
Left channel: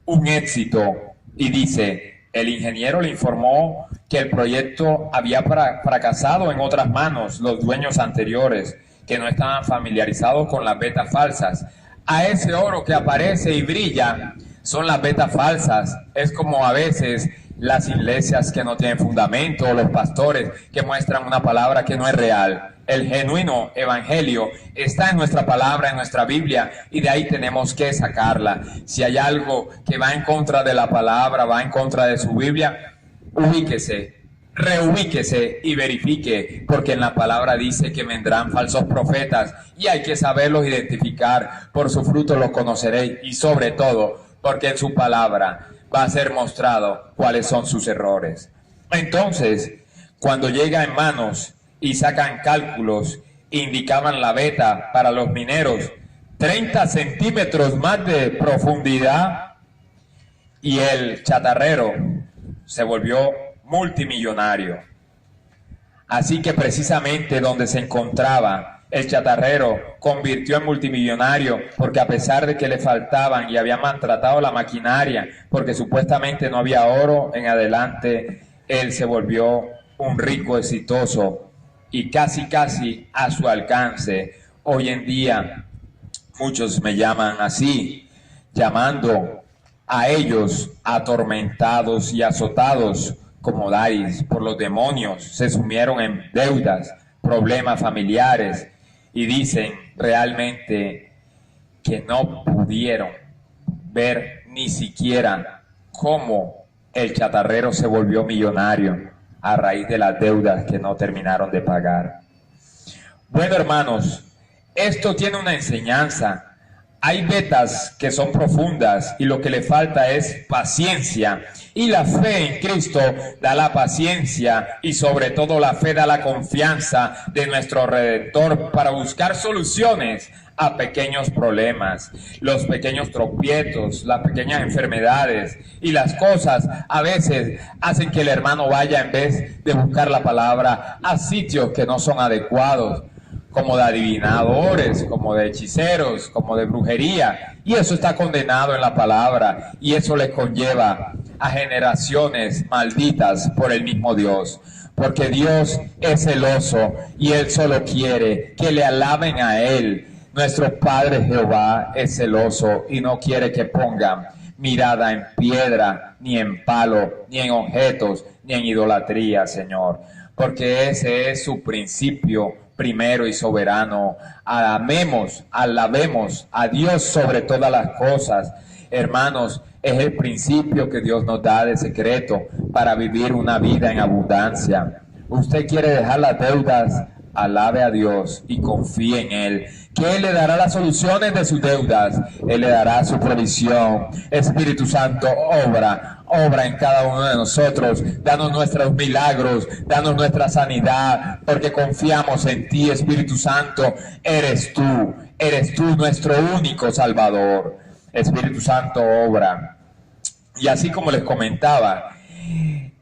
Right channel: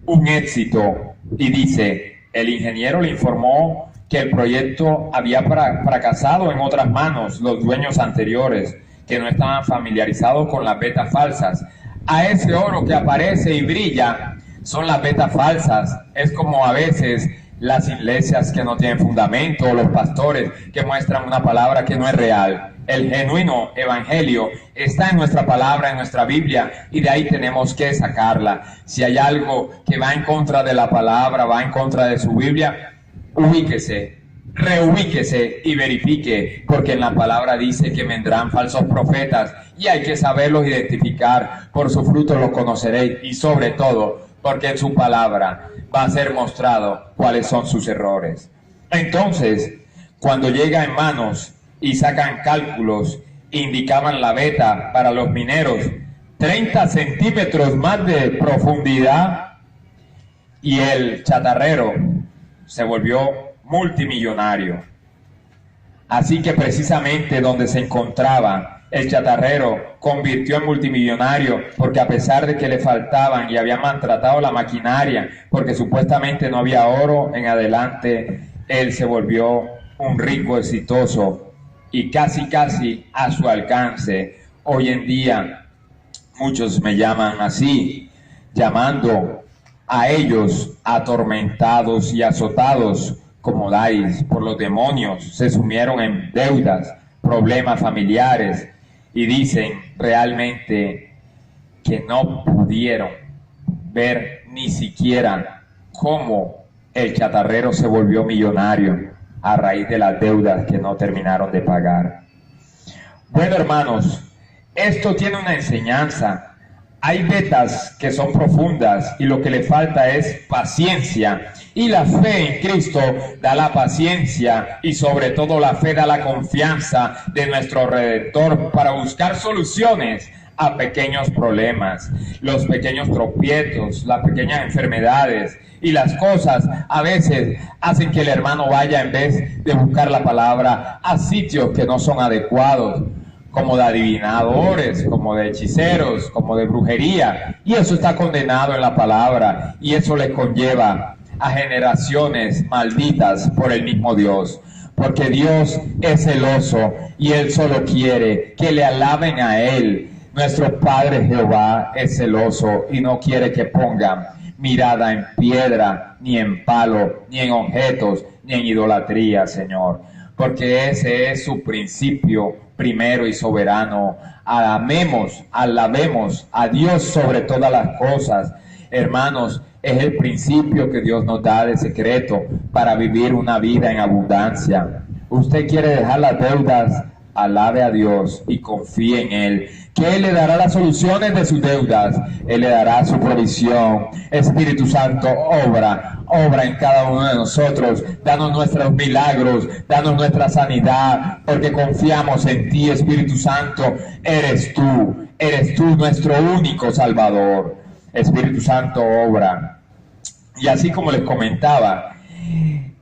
un éxito. Y dice, el ingeniero le informó que el proyecto había fracasado en otras manos, los dueños anteriores, que no estaban familiarizados con las vetas falsas. A ese oro que aparece y brilla son las vetas falsas. Es como a veces las iglesias que no tienen fundamento, o los pastores que muestran una palabra que no es real. El genuino evangelio está en nuestra palabra, en nuestra Biblia, y de ahí tenemos que sacarla. Si hay algo que va en contra de la palabra, va en contra de su Biblia, ubíquese, reubíquese y verifique, porque en la palabra dice que vendrán falsos profetas y hay que saberlos identificar. Por su fruto los conoceréis, y sobre todo porque en su palabra va a ser mostrado cuáles son sus errores. Entonces, cuando llega en manos y sacan cálculos, indicaban la veta para los mineros 30 centímetros más de profundidad, y el chatarrero se volvió multimillonario. Así que precisamente donde se encontraba, el chatarrero convirtió en multimillonario, porque a pesar de que le faltaban y habían maltratado la maquinaria, porque supuestamente no había oro en adelante, él se volvió un rico exitoso y casi a su alcance. Hoy en día muchos me llaman así, llamando a ellos atormentados y azotados como dais por los demonios. Se sumieron en deudas, problemas familiares, y dicen realmente que no pudieron ver ni siquiera cómo el chatarrero se volvió millonario a raíz de las deudas que no terminaron de pagar. Bueno, hermanos, esto tiene una enseñanza. Hay vetas que son profundas y lo que le falta es paciencia. Y la fe en Cristo da la paciencia, y sobre todo la fe da la confianza de nuestro Redentor para buscar soluciones a pequeños problemas, los pequeños tropiezos, las pequeñas enfermedades y las cosas a veces hacen que el hermano vaya, en vez de buscar la palabra, a sitios que no son adecuados, como de adivinadores, como de hechiceros, como de brujería, y eso está condenado en la palabra, y eso les conlleva a generaciones malditas por el mismo Dios, porque Dios es celoso y Él solo quiere que le alaben a Él. Nuestro Padre Jehová es celoso y no quiere que pongan mirada en piedra, ni en palo, ni en objetos, ni en idolatría, Señor, porque ese es su principio primero y soberano. Amemos, alabemos a Dios sobre todas las cosas. Hermanos, es el principio que Dios nos da de secreto para vivir una vida en abundancia. Usted quiere dejar las deudas, alabe a Dios y confíe en Él, que Él le dará las soluciones de sus deudas, Él le dará su provisión. Espíritu Santo, obra en cada uno de nosotros, danos nuestros milagros, danos nuestra sanidad, porque confiamos en ti, Espíritu Santo. Eres tú nuestro único Salvador. Espíritu Santo, obra. Y así como les comentaba,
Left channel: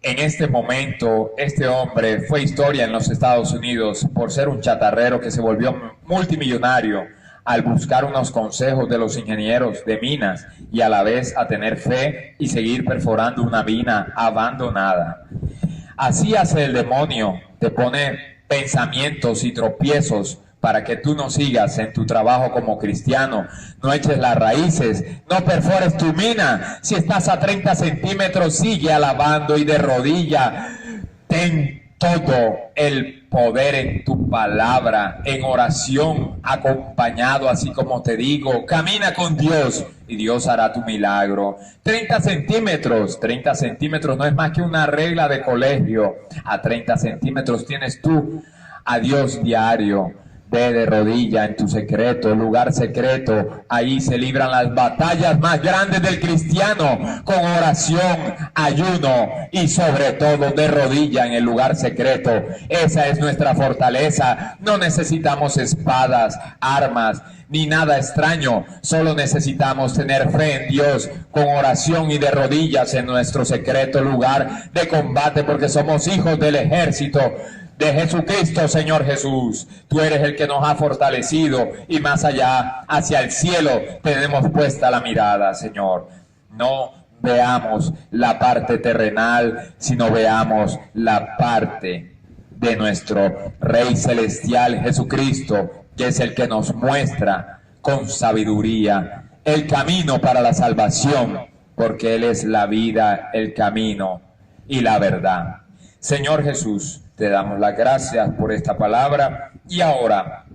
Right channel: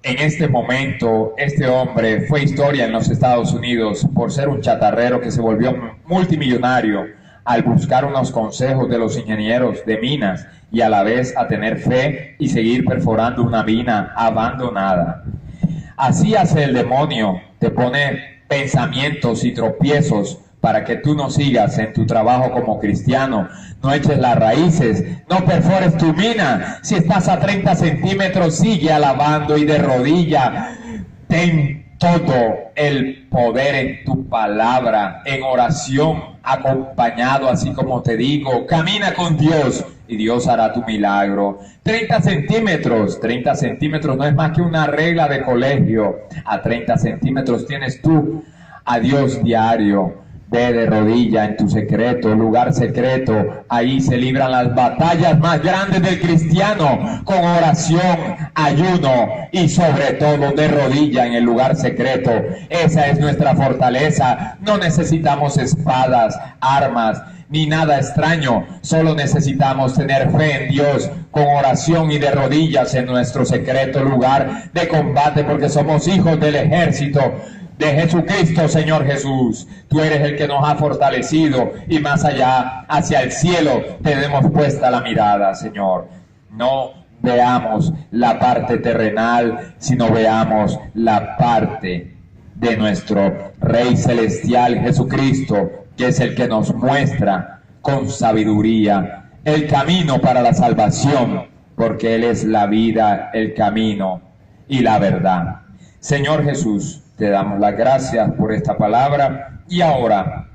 en este momento, este hombre fue historia en los Estados Unidos por ser un chatarrero que se volvió multimillonario al buscar unos consejos de los ingenieros de minas y a la vez a tener fe y seguir perforando una mina abandonada. Así hace el demonio, te pone pensamientos y tropiezos para que tú no sigas en tu trabajo como cristiano, no eches las raíces, no perfores tu mina. Si estás a 30 centímetros, sigue alabando y de rodilla. Ten todo el poder en tu palabra, en oración, acompañado, así como te digo. Camina con Dios y Dios hará tu milagro. 30 centímetros no es más que una regla de colegio. A 30 centímetros tienes tú a Dios diario. Ve de rodilla en tu secreto, lugar secreto. Ahí se libran las batallas más grandes del cristiano, con oración, ayuno y sobre todo de rodilla en el lugar secreto. Esa es nuestra fortaleza. No necesitamos espadas, armas, ni nada extraño. Solo necesitamos tener fe en Dios, con oración y de rodillas en nuestro secreto lugar de combate, porque somos hijos del ejército de Jesucristo. Señor Jesús, tú eres el que nos ha fortalecido, y más allá, hacia el cielo, tenemos puesta la mirada, Señor. No veamos la parte terrenal, sino veamos la parte de nuestro Rey Celestial Jesucristo, que es el que nos muestra con sabiduría el camino para la salvación, porque Él es la vida, el camino y la verdad. Señor Jesús, te damos las gracias por esta palabra, y ahora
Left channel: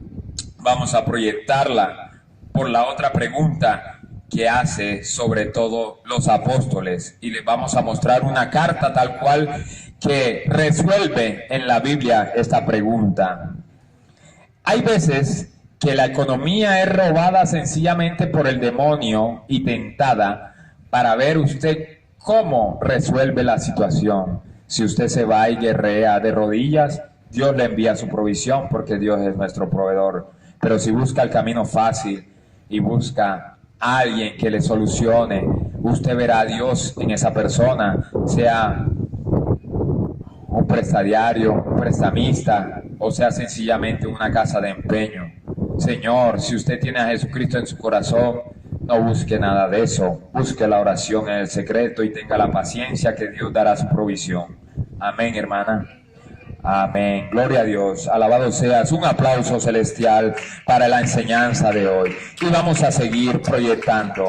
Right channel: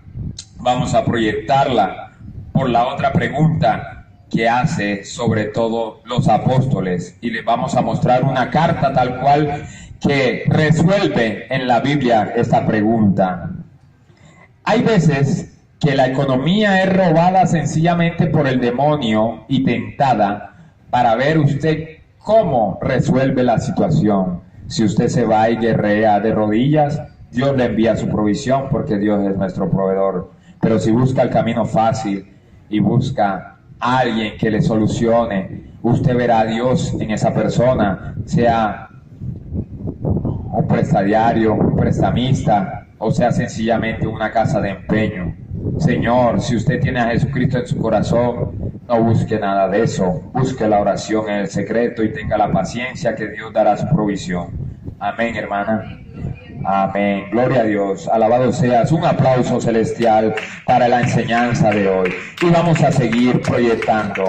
vamos a proyectarla por la otra pregunta que hace sobre todo los apóstoles, y les vamos a mostrar una carta tal cual que resuelve en la Biblia esta pregunta. Hay veces que la economía es robada sencillamente por el demonio y tentada para ver usted cómo resuelve la situación. Si usted se va y guerrea de rodillas, Dios le envía su provisión, porque Dios es nuestro proveedor. Pero si busca el camino fácil y busca a alguien que le solucione, usted verá a Dios en esa persona, sea un prestatario, un prestamista, o sea sencillamente una casa de empeño. Señor, si usted tiene a Jesucristo en su corazón, no busque nada de eso. Busque la oración en el secreto y tenga la paciencia, que Dios dará su provisión. Amén, hermana. Amén. Gloria a Dios. Alabado seas. Un aplauso celestial para la enseñanza de hoy. Y vamos a seguir proyectando.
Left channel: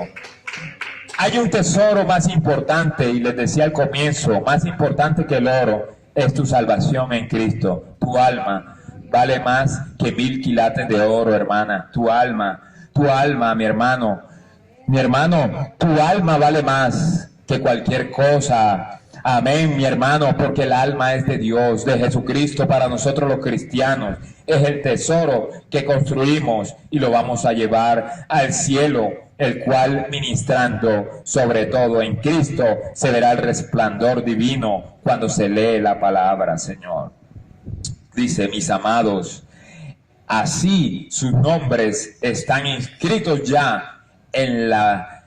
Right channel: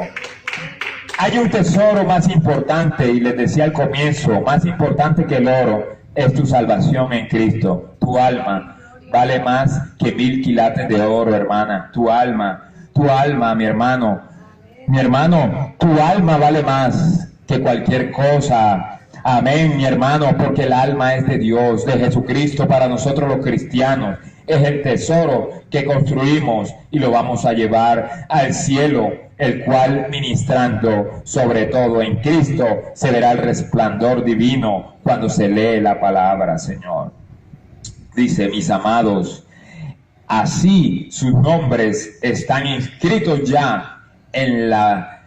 Hay un tesoro más importante, y les decía al comienzo, más importante que el oro, es tu salvación en Cristo. Tu alma vale más que 1000 quilates de oro, hermana. Tu alma, mi hermano. Mi hermano, tu alma vale más que cualquier cosa. Amén, mi hermano, porque el alma es de Dios, de Jesucristo. Para nosotros los cristianos es el tesoro que construimos y lo vamos a llevar al cielo, el cual, ministrando sobre todo en Cristo, se verá el resplandor divino cuando se lee la palabra, Señor. Dice, mis amados, Así sus nombres están inscritos ya en la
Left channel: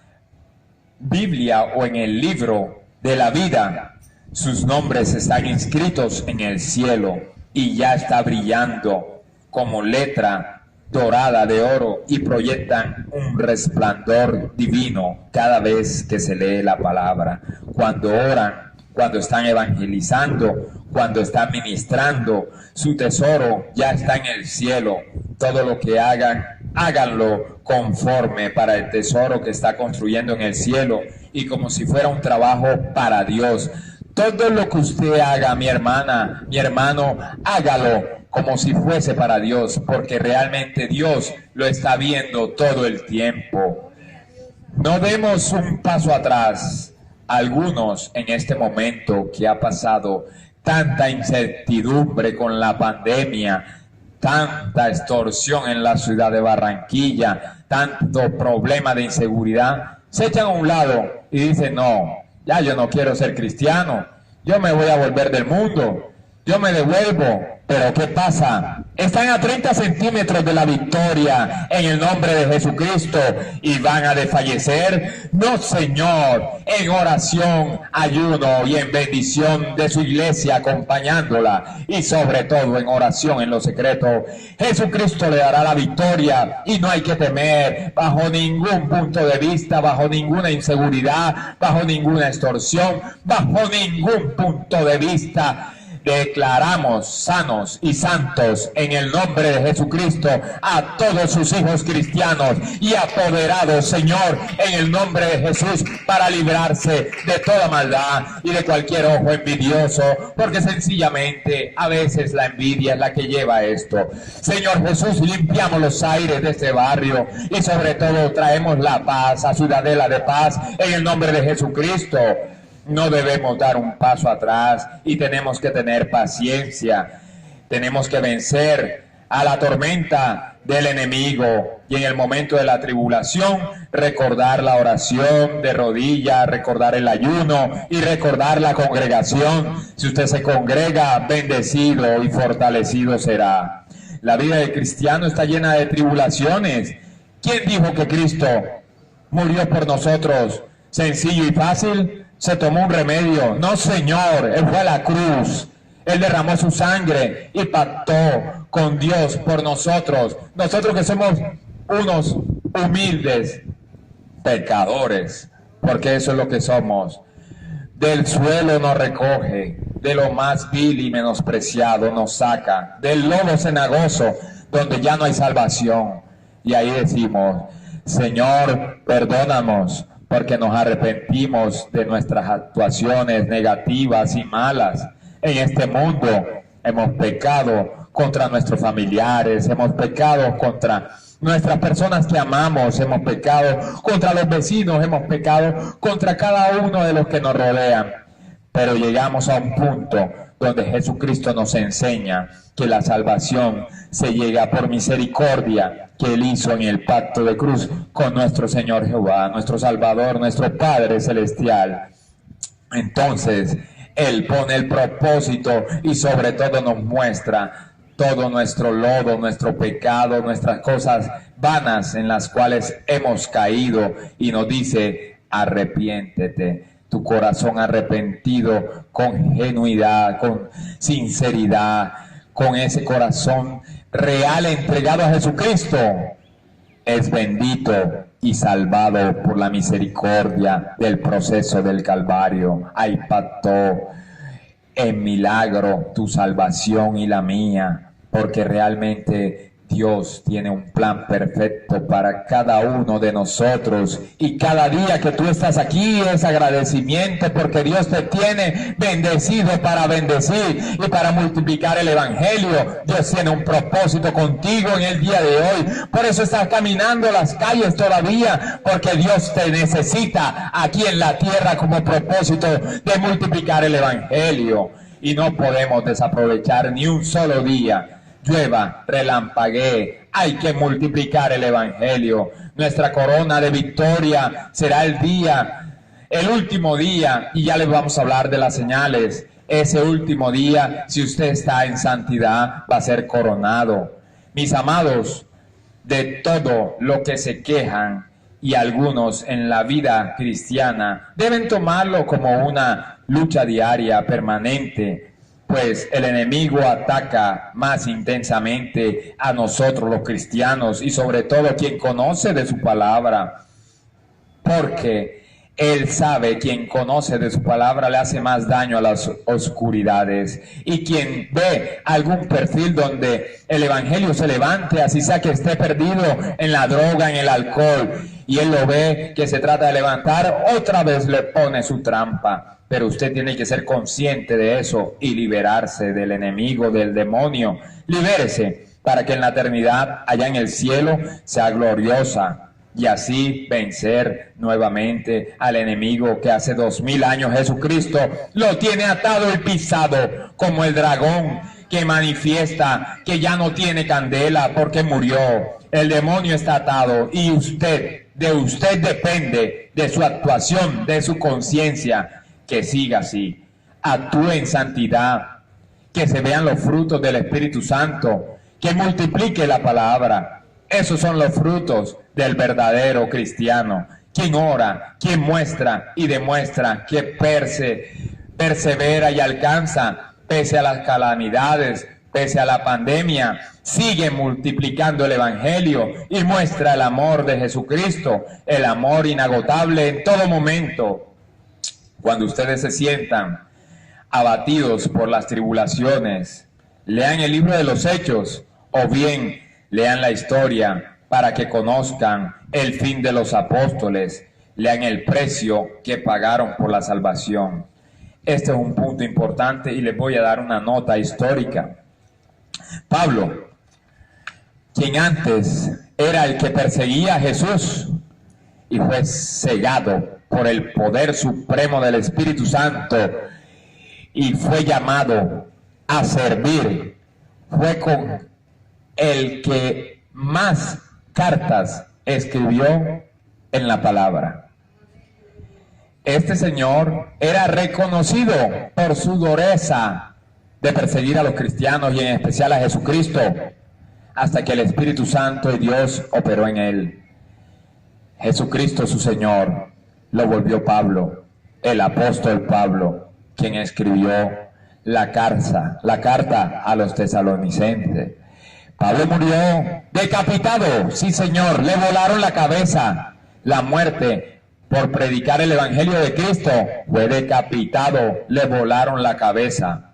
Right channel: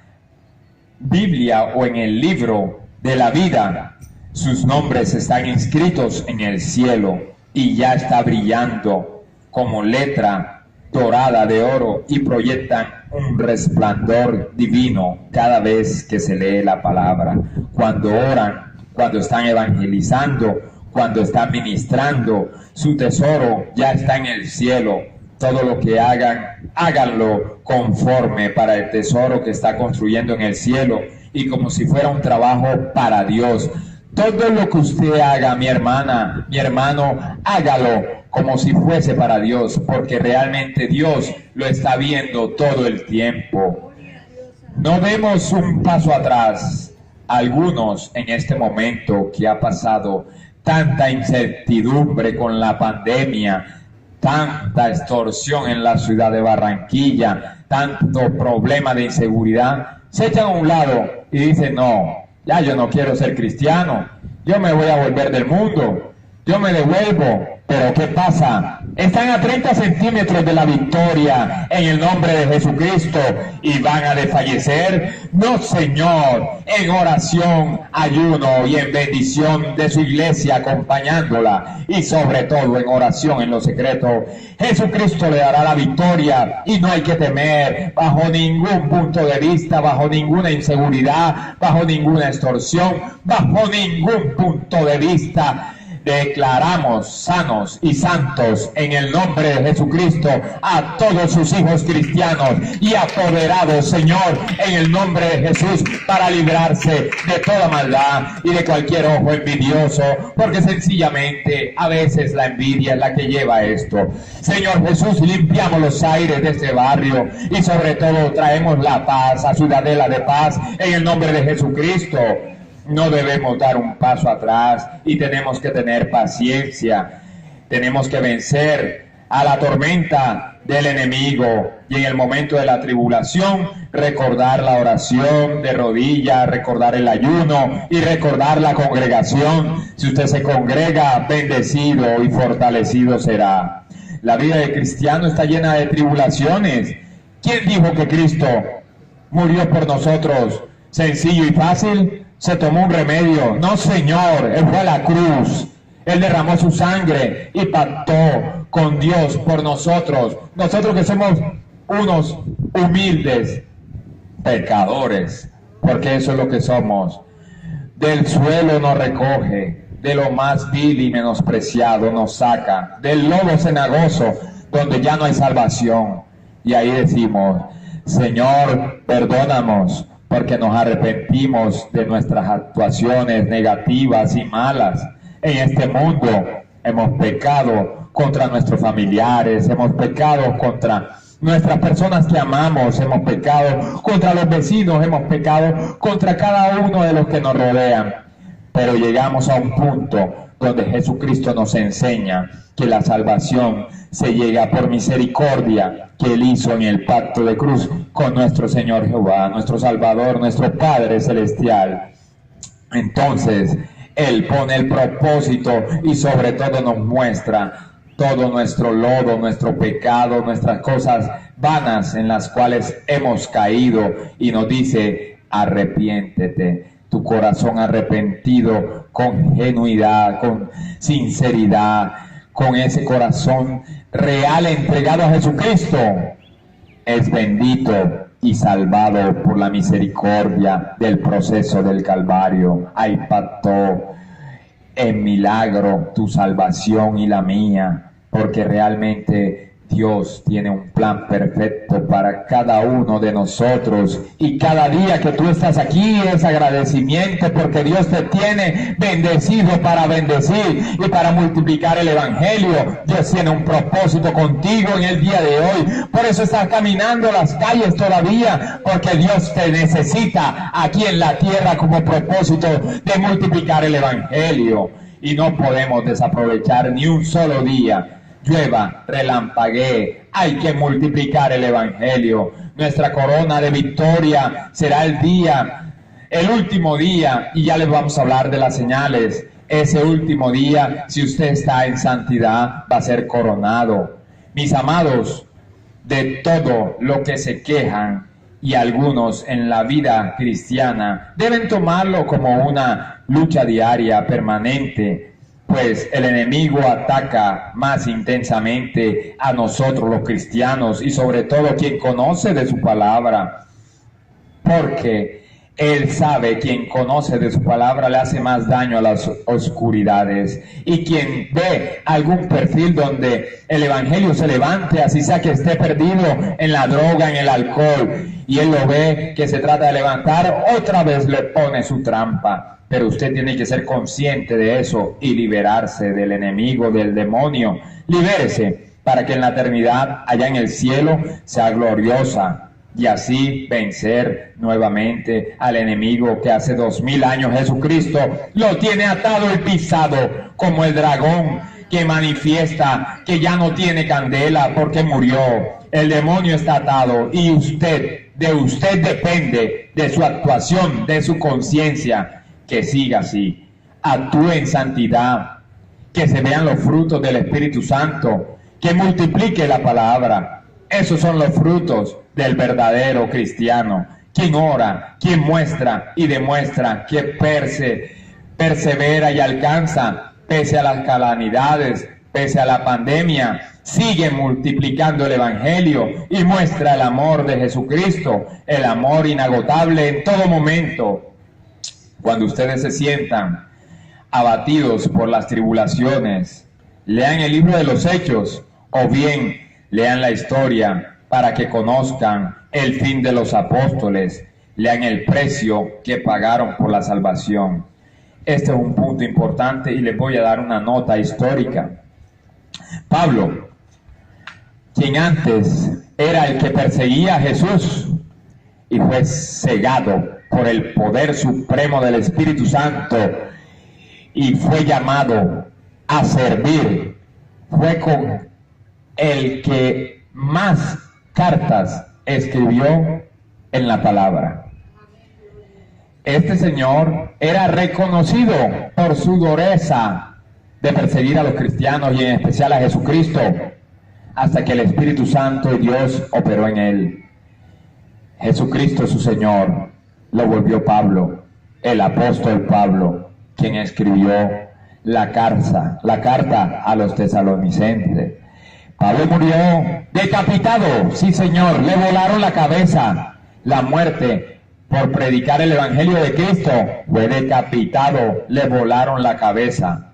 Biblia o en el libro de la vida. Sus nombres están inscritos en el cielo y ya está brillando como letra dorada de oro y proyectan un resplandor divino cada vez que se lee la palabra. Cuando oran, cuando están evangelizando, cuando están ministrando, su tesoro ya está en el cielo. Todo lo que hagan, háganlo conforme para el tesoro que está construyendo en el cielo y como si fuera un trabajo para Dios. Todo lo que usted haga, mi hermana, mi hermano, hágalo como si fuese para Dios, porque realmente Dios lo está viendo todo el tiempo. No demos un paso atrás. Algunos en este momento que ha pasado tanta incertidumbre con la pandemia, tanta extorsión en la ciudad de Barranquilla, tanto problema de inseguridad, se echan a un lado y dicen, no, ya yo no quiero ser cristiano, yo me voy a volver del mundo, yo me devuelvo. Pero ¿qué pasa? Están a 30 centímetros de la victoria en el nombre de Jesucristo y van a desfallecer. No, Señor, en oración, ayuno y en bendición de su iglesia acompañándola y sobre todo en oración en lo secreto. Jesucristo le dará la victoria y no hay que temer bajo ningún punto de vista, bajo ninguna inseguridad, bajo ninguna extorsión, bajo ningún punto de vista. Declaramos sanos y santos en el nombre de Jesucristo a todos sus hijos cristianos y apoderados, Señor, en el nombre de Jesús, para librarse de toda maldad y de cualquier ojo envidioso, porque sencillamente a veces la envidia es la que lleva a esto. Señor Jesús, limpiamos los aires de este barrio y sobre todo traemos la paz a Ciudadela de Paz en el nombre de Jesucristo. No debemos dar un paso atrás y tenemos que tener paciencia. Tenemos que vencer a la tormenta del enemigo y en el momento de la tribulación recordar la oración de rodillas, recordar el ayuno y recordar la congregación. Si usted se congrega, bendecido y fortalecido será. La vida del cristiano está llena de tribulaciones. ¿Quién dijo que Cristo murió por nosotros sencillo y fácil? Se tomó un remedio. No, Señor, Él fue a la cruz. Él derramó su sangre y pactó con Dios por nosotros. Nosotros que somos unos humildes pecadores, porque eso es lo que somos. Del suelo nos recoge, de lo más vil y menospreciado nos saca, del lodo cenagoso, donde ya no hay salvación. Y ahí decimos, Señor, perdónanos, porque nos arrepentimos de nuestras actuaciones negativas y malas. En este mundo hemos pecado contra nuestros familiares, hemos pecado contra nuestras personas que amamos, hemos pecado contra los vecinos, hemos pecado contra cada uno de los que nos rodean. Pero llegamos a un punto donde Jesucristo nos enseña que la salvación se llega por misericordia que Él hizo en el pacto de cruz con nuestro Señor Jehová, nuestro Salvador, nuestro Padre Celestial. Entonces, Él pone el propósito y sobre todo nos muestra todo nuestro lodo, nuestro pecado, nuestras cosas vanas en las cuales hemos caído y nos dice, arrepiéntete. Tu corazón arrepentido con genuidad, con sinceridad, con ese corazón real entregado a Jesucristo, es bendito y salvado por la misericordia del proceso del Calvario. Ahí pactó en milagro tu salvación y la mía, porque realmente Dios tiene un plan perfecto para cada uno de nosotros y cada día que tú estás aquí es agradecimiento porque Dios te tiene bendecido para bendecir y para multiplicar el evangelio. Dios tiene un propósito contigo en el día de hoy, por eso estás caminando las calles todavía, porque Dios te necesita aquí en la tierra como propósito de multiplicar el evangelio y no podemos desaprovechar ni un solo día. Llueva, relampaguee, hay que multiplicar el evangelio. Nuestra corona de victoria será el último día, y ya les vamos a hablar de las señales. Ese último día, si usted está en santidad, va a ser coronado. mis amados, de todo lo que se quejan, y algunos en la vida cristiana deben tomarlo como una lucha diaria, permanente, pues el enemigo ataca más intensamente a nosotros los cristianos y sobre todo quien conoce de su palabra, porque él sabe, quien conoce de su palabra le hace más daño a las oscuridades. Y quien ve algún perfil donde el evangelio se levante, así sea que esté perdido en la droga, en el alcohol, y él lo ve que se trata de levantar, otra vez le pone su trampa. Pero usted tiene que ser consciente de eso y liberarse del enemigo, del demonio. Libérese para que en la eternidad, allá en el cielo, sea gloriosa. Y así vencer nuevamente al enemigo que hace 2000 años Jesucristo lo tiene atado y pisado como el dragón que manifiesta que ya no tiene candela porque murió. El demonio está atado y de usted depende, de su actuación, de su conciencia, que siga así. Actúe en santidad, que se vean los frutos del Espíritu Santo, que multiplique la palabra. Esos son los frutos del verdadero cristiano, quien ora, quien muestra y demuestra que persevera y alcanza, pese a las calamidades, pese a la pandemia, sigue multiplicando el evangelio y muestra el amor de Jesucristo, el amor inagotable en todo momento. Cuando ustedes se sientan abatidos por las tribulaciones, lean el libro de los Hechos o bien lean la historia para que conozcan el fin de los apóstoles, lean el precio que pagaron por la salvación. Este es un punto importante y les voy a dar una nota histórica. Pablo, quien antes era el que perseguía a Jesús y fue cegado por el poder supremo del Espíritu Santo y fue llamado a servir, fue con el que más cartas escribió en la palabra. Este señor era reconocido por su dureza de perseguir a los cristianos y en especial a Jesucristo, hasta que el Espíritu Santo y Dios operó en él. Jesucristo, su Señor, lo volvió Pablo, el apóstol Pablo, quien escribió la carta a los tesalonicenses. Pablo murió decapitado, sí señor, le volaron la cabeza. La muerte por predicar el evangelio de Cristo, fue decapitado, le volaron la cabeza.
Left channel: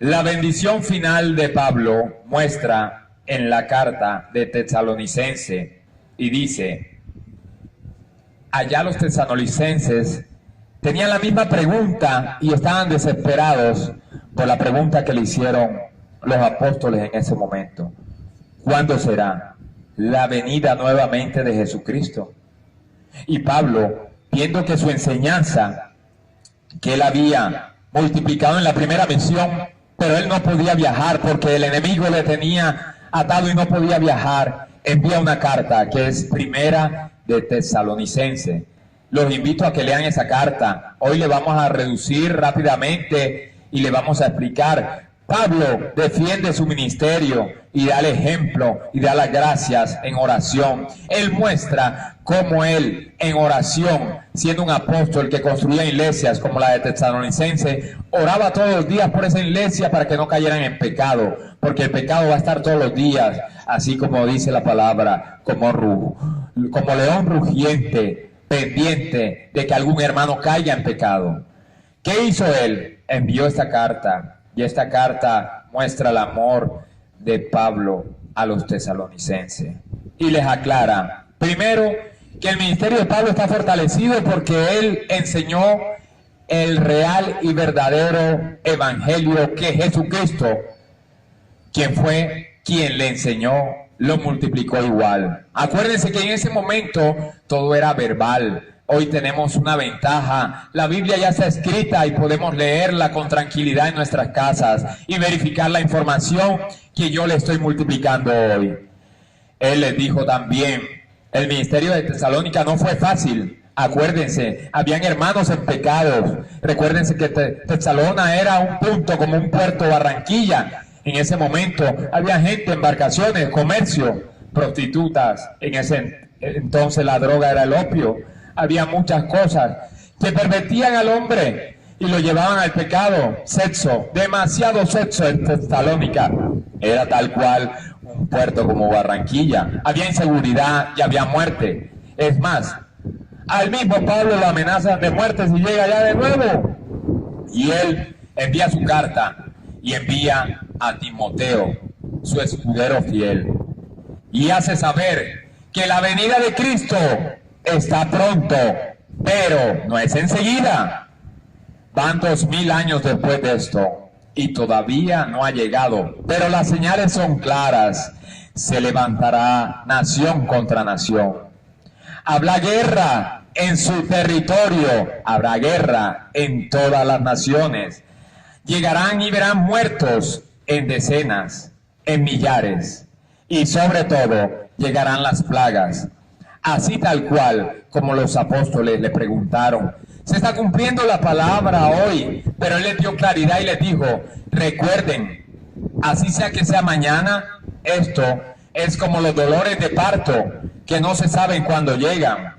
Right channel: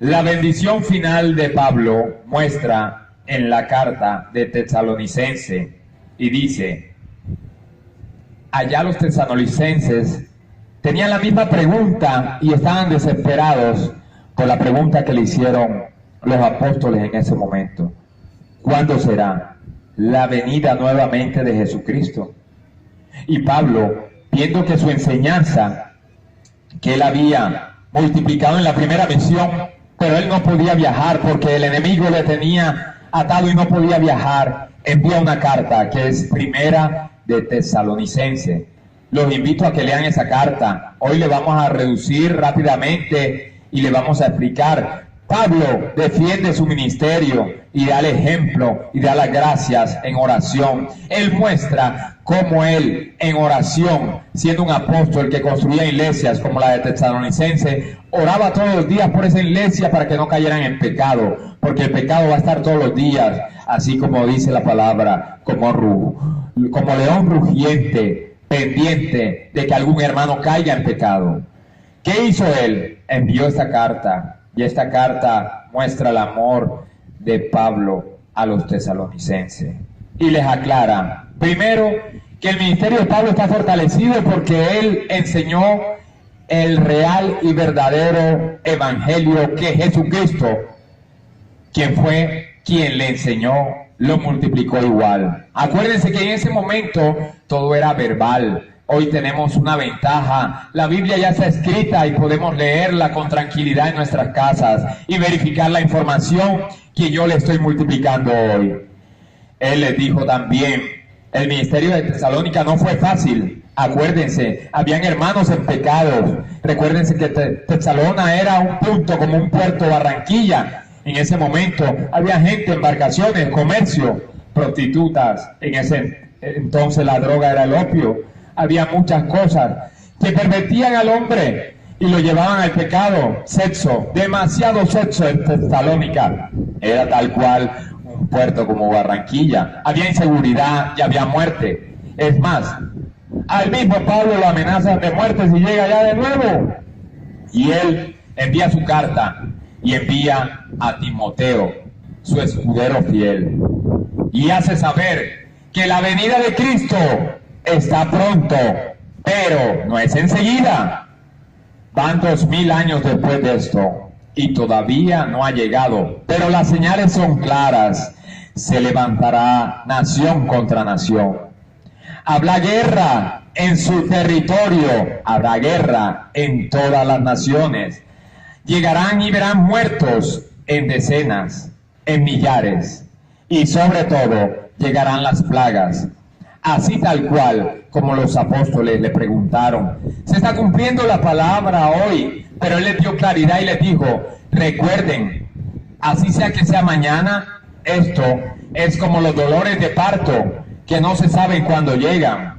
La bendición final de Pablo muestra en la carta de Tesalonicense y dice: allá los tesalonicenses tenían la misma pregunta y estaban desesperados por la pregunta que le hicieron los apóstoles en ese momento. ¿Cuándo será la venida nuevamente de Jesucristo? Y Pablo, viendo que su enseñanza, que él había multiplicado en la primera misión, pero él no podía viajar porque el enemigo le tenía atado y no podía viajar, envía una carta que es primera de Tesalonicense. Los invito a que lean esa carta. Hoy le vamos a reducir rápidamente y le vamos a explicar. Pablo defiende su ministerio y da el ejemplo y da las gracias en oración. Él muestra cómo él en oración, siendo un apóstol que construía iglesias como la de Tesalonicense, oraba todos los días por esa iglesia para que no cayeran en pecado, porque el pecado va a estar todos los días, así como dice la palabra, como león rugiente, pendiente de que algún hermano caiga en pecado. ¿Qué hizo él? Envió esta carta. Y esta carta muestra el amor de Pablo a los tesalonicenses. Y les aclara, primero, que el ministerio de Pablo está fortalecido porque él enseñó el real y verdadero evangelio que Jesucristo, quien fue quien le enseñó, lo multiplicó igual. Acuérdense que en ese momento todo era verbal. Hoy tenemos una ventaja, la Biblia ya está escrita y podemos leerla con tranquilidad en nuestras casas y verificar la información que yo le estoy multiplicando hoy. Él les dijo también, el ministerio de Tesalónica no fue fácil. Acuérdense, habían hermanos en pecados. Recuérdense que Tesalónica era un punto como un puerto Barranquilla, En ese momento había gente, embarcaciones, comercio, prostitutas. En ese entonces la droga era el opio. Había muchas cosas que pervertían al hombre y lo llevaban al pecado. Sexo, demasiado sexo en Tesalónica. Era tal cual un puerto como Barranquilla. Había inseguridad y había muerte. Es más, al mismo Pablo lo amenazan de muerte si llega allá de nuevo. Y él envía su carta y envía a Timoteo, su escudero fiel, y hace saber que la venida de Cristo está pronto, pero no es enseguida. Van 2000 años después de esto y todavía no ha llegado, pero las señales son claras. Se levantará nación contra nación. Habrá guerra en su territorio, habrá guerra en todas las naciones. Llegarán y verán muertos en decenas, en millares, y sobre todo llegarán las plagas. Así tal cual como los apóstoles le preguntaron, se está cumpliendo la palabra hoy, pero él les dio claridad y les dijo, recuerden, así sea que sea mañana, esto es como los dolores de parto, que no se saben cuándo llegan.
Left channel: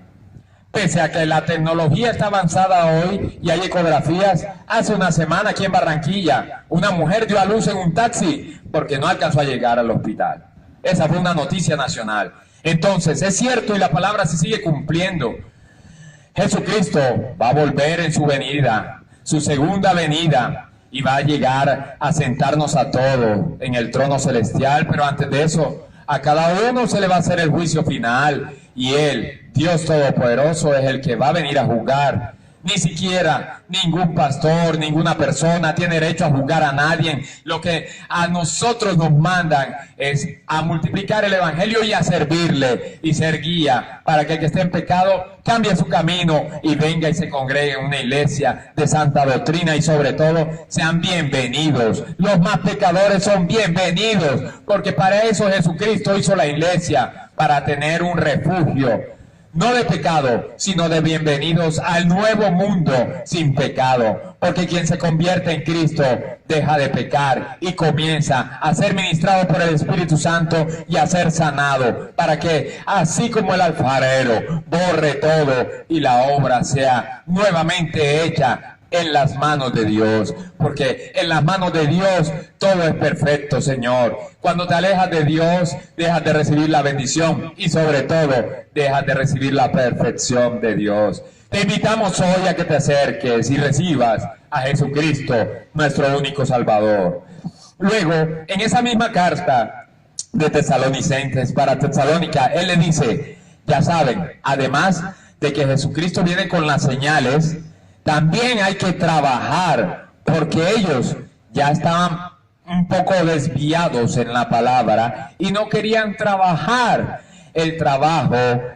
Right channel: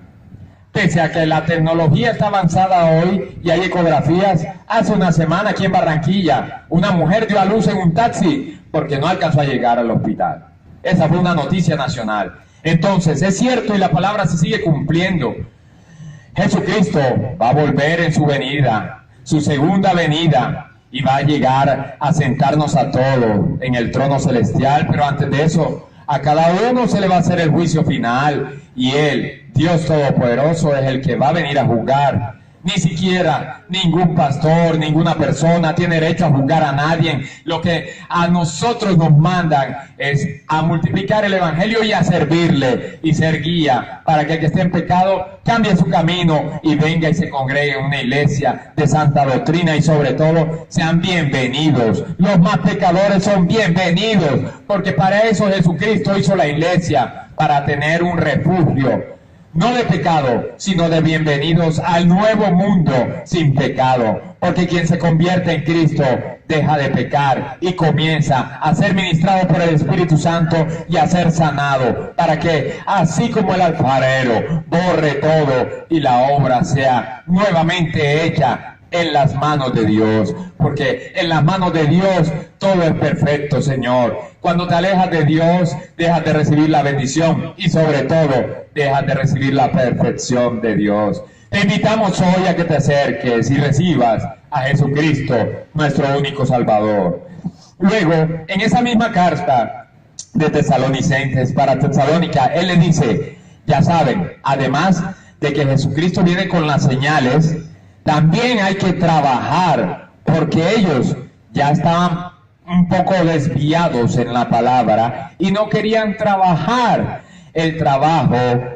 Pese a que la tecnología está avanzada hoy y hay ecografías, hace una semana aquí en Barranquilla, una mujer dio a luz en un taxi porque no alcanzó a llegar al hospital. Esa fue una noticia nacional. Entonces, es cierto y la palabra se sigue cumpliendo. Jesucristo va a volver en su venida, su segunda venida, y va a llegar a sentarnos a todos en el trono celestial, pero antes de eso, a cada uno se le va a hacer el juicio final, y Él, Dios Todopoderoso, es el que va a venir a juzgar. Ni siquiera ningún pastor, ninguna persona tiene derecho a juzgar a nadie. Lo que a nosotros nos mandan es a multiplicar el evangelio y a servirle y ser guía para que el que esté en pecado cambie su camino y venga y se congregue en una iglesia de santa doctrina, y sobre todo sean bienvenidos. Los más pecadores son bienvenidos, porque para eso Jesucristo hizo la iglesia, para tener un refugio. No de pecado, sino de bienvenidos al nuevo mundo sin pecado. Porque quien se convierte en Cristo deja de pecar y comienza a ser ministrado por el Espíritu Santo y a ser sanado. Para que, así como el alfarero borre todo y la obra sea nuevamente hecha en las manos de Dios, porque en las manos de Dios todo es perfecto, Señor. Cuando te alejas de Dios, dejas de recibir la bendición y sobre todo, dejas de recibir la perfección de Dios. Te invitamos hoy a que te acerques y recibas a Jesucristo, nuestro único Salvador. Luego, en esa misma carta de Tesalonicenses para Tesalónica, él le dice, ya saben, además de que Jesucristo viene con las señales, también hay que trabajar, porque ellos ya estaban un poco desviados en la palabra y no querían trabajar. El trabajo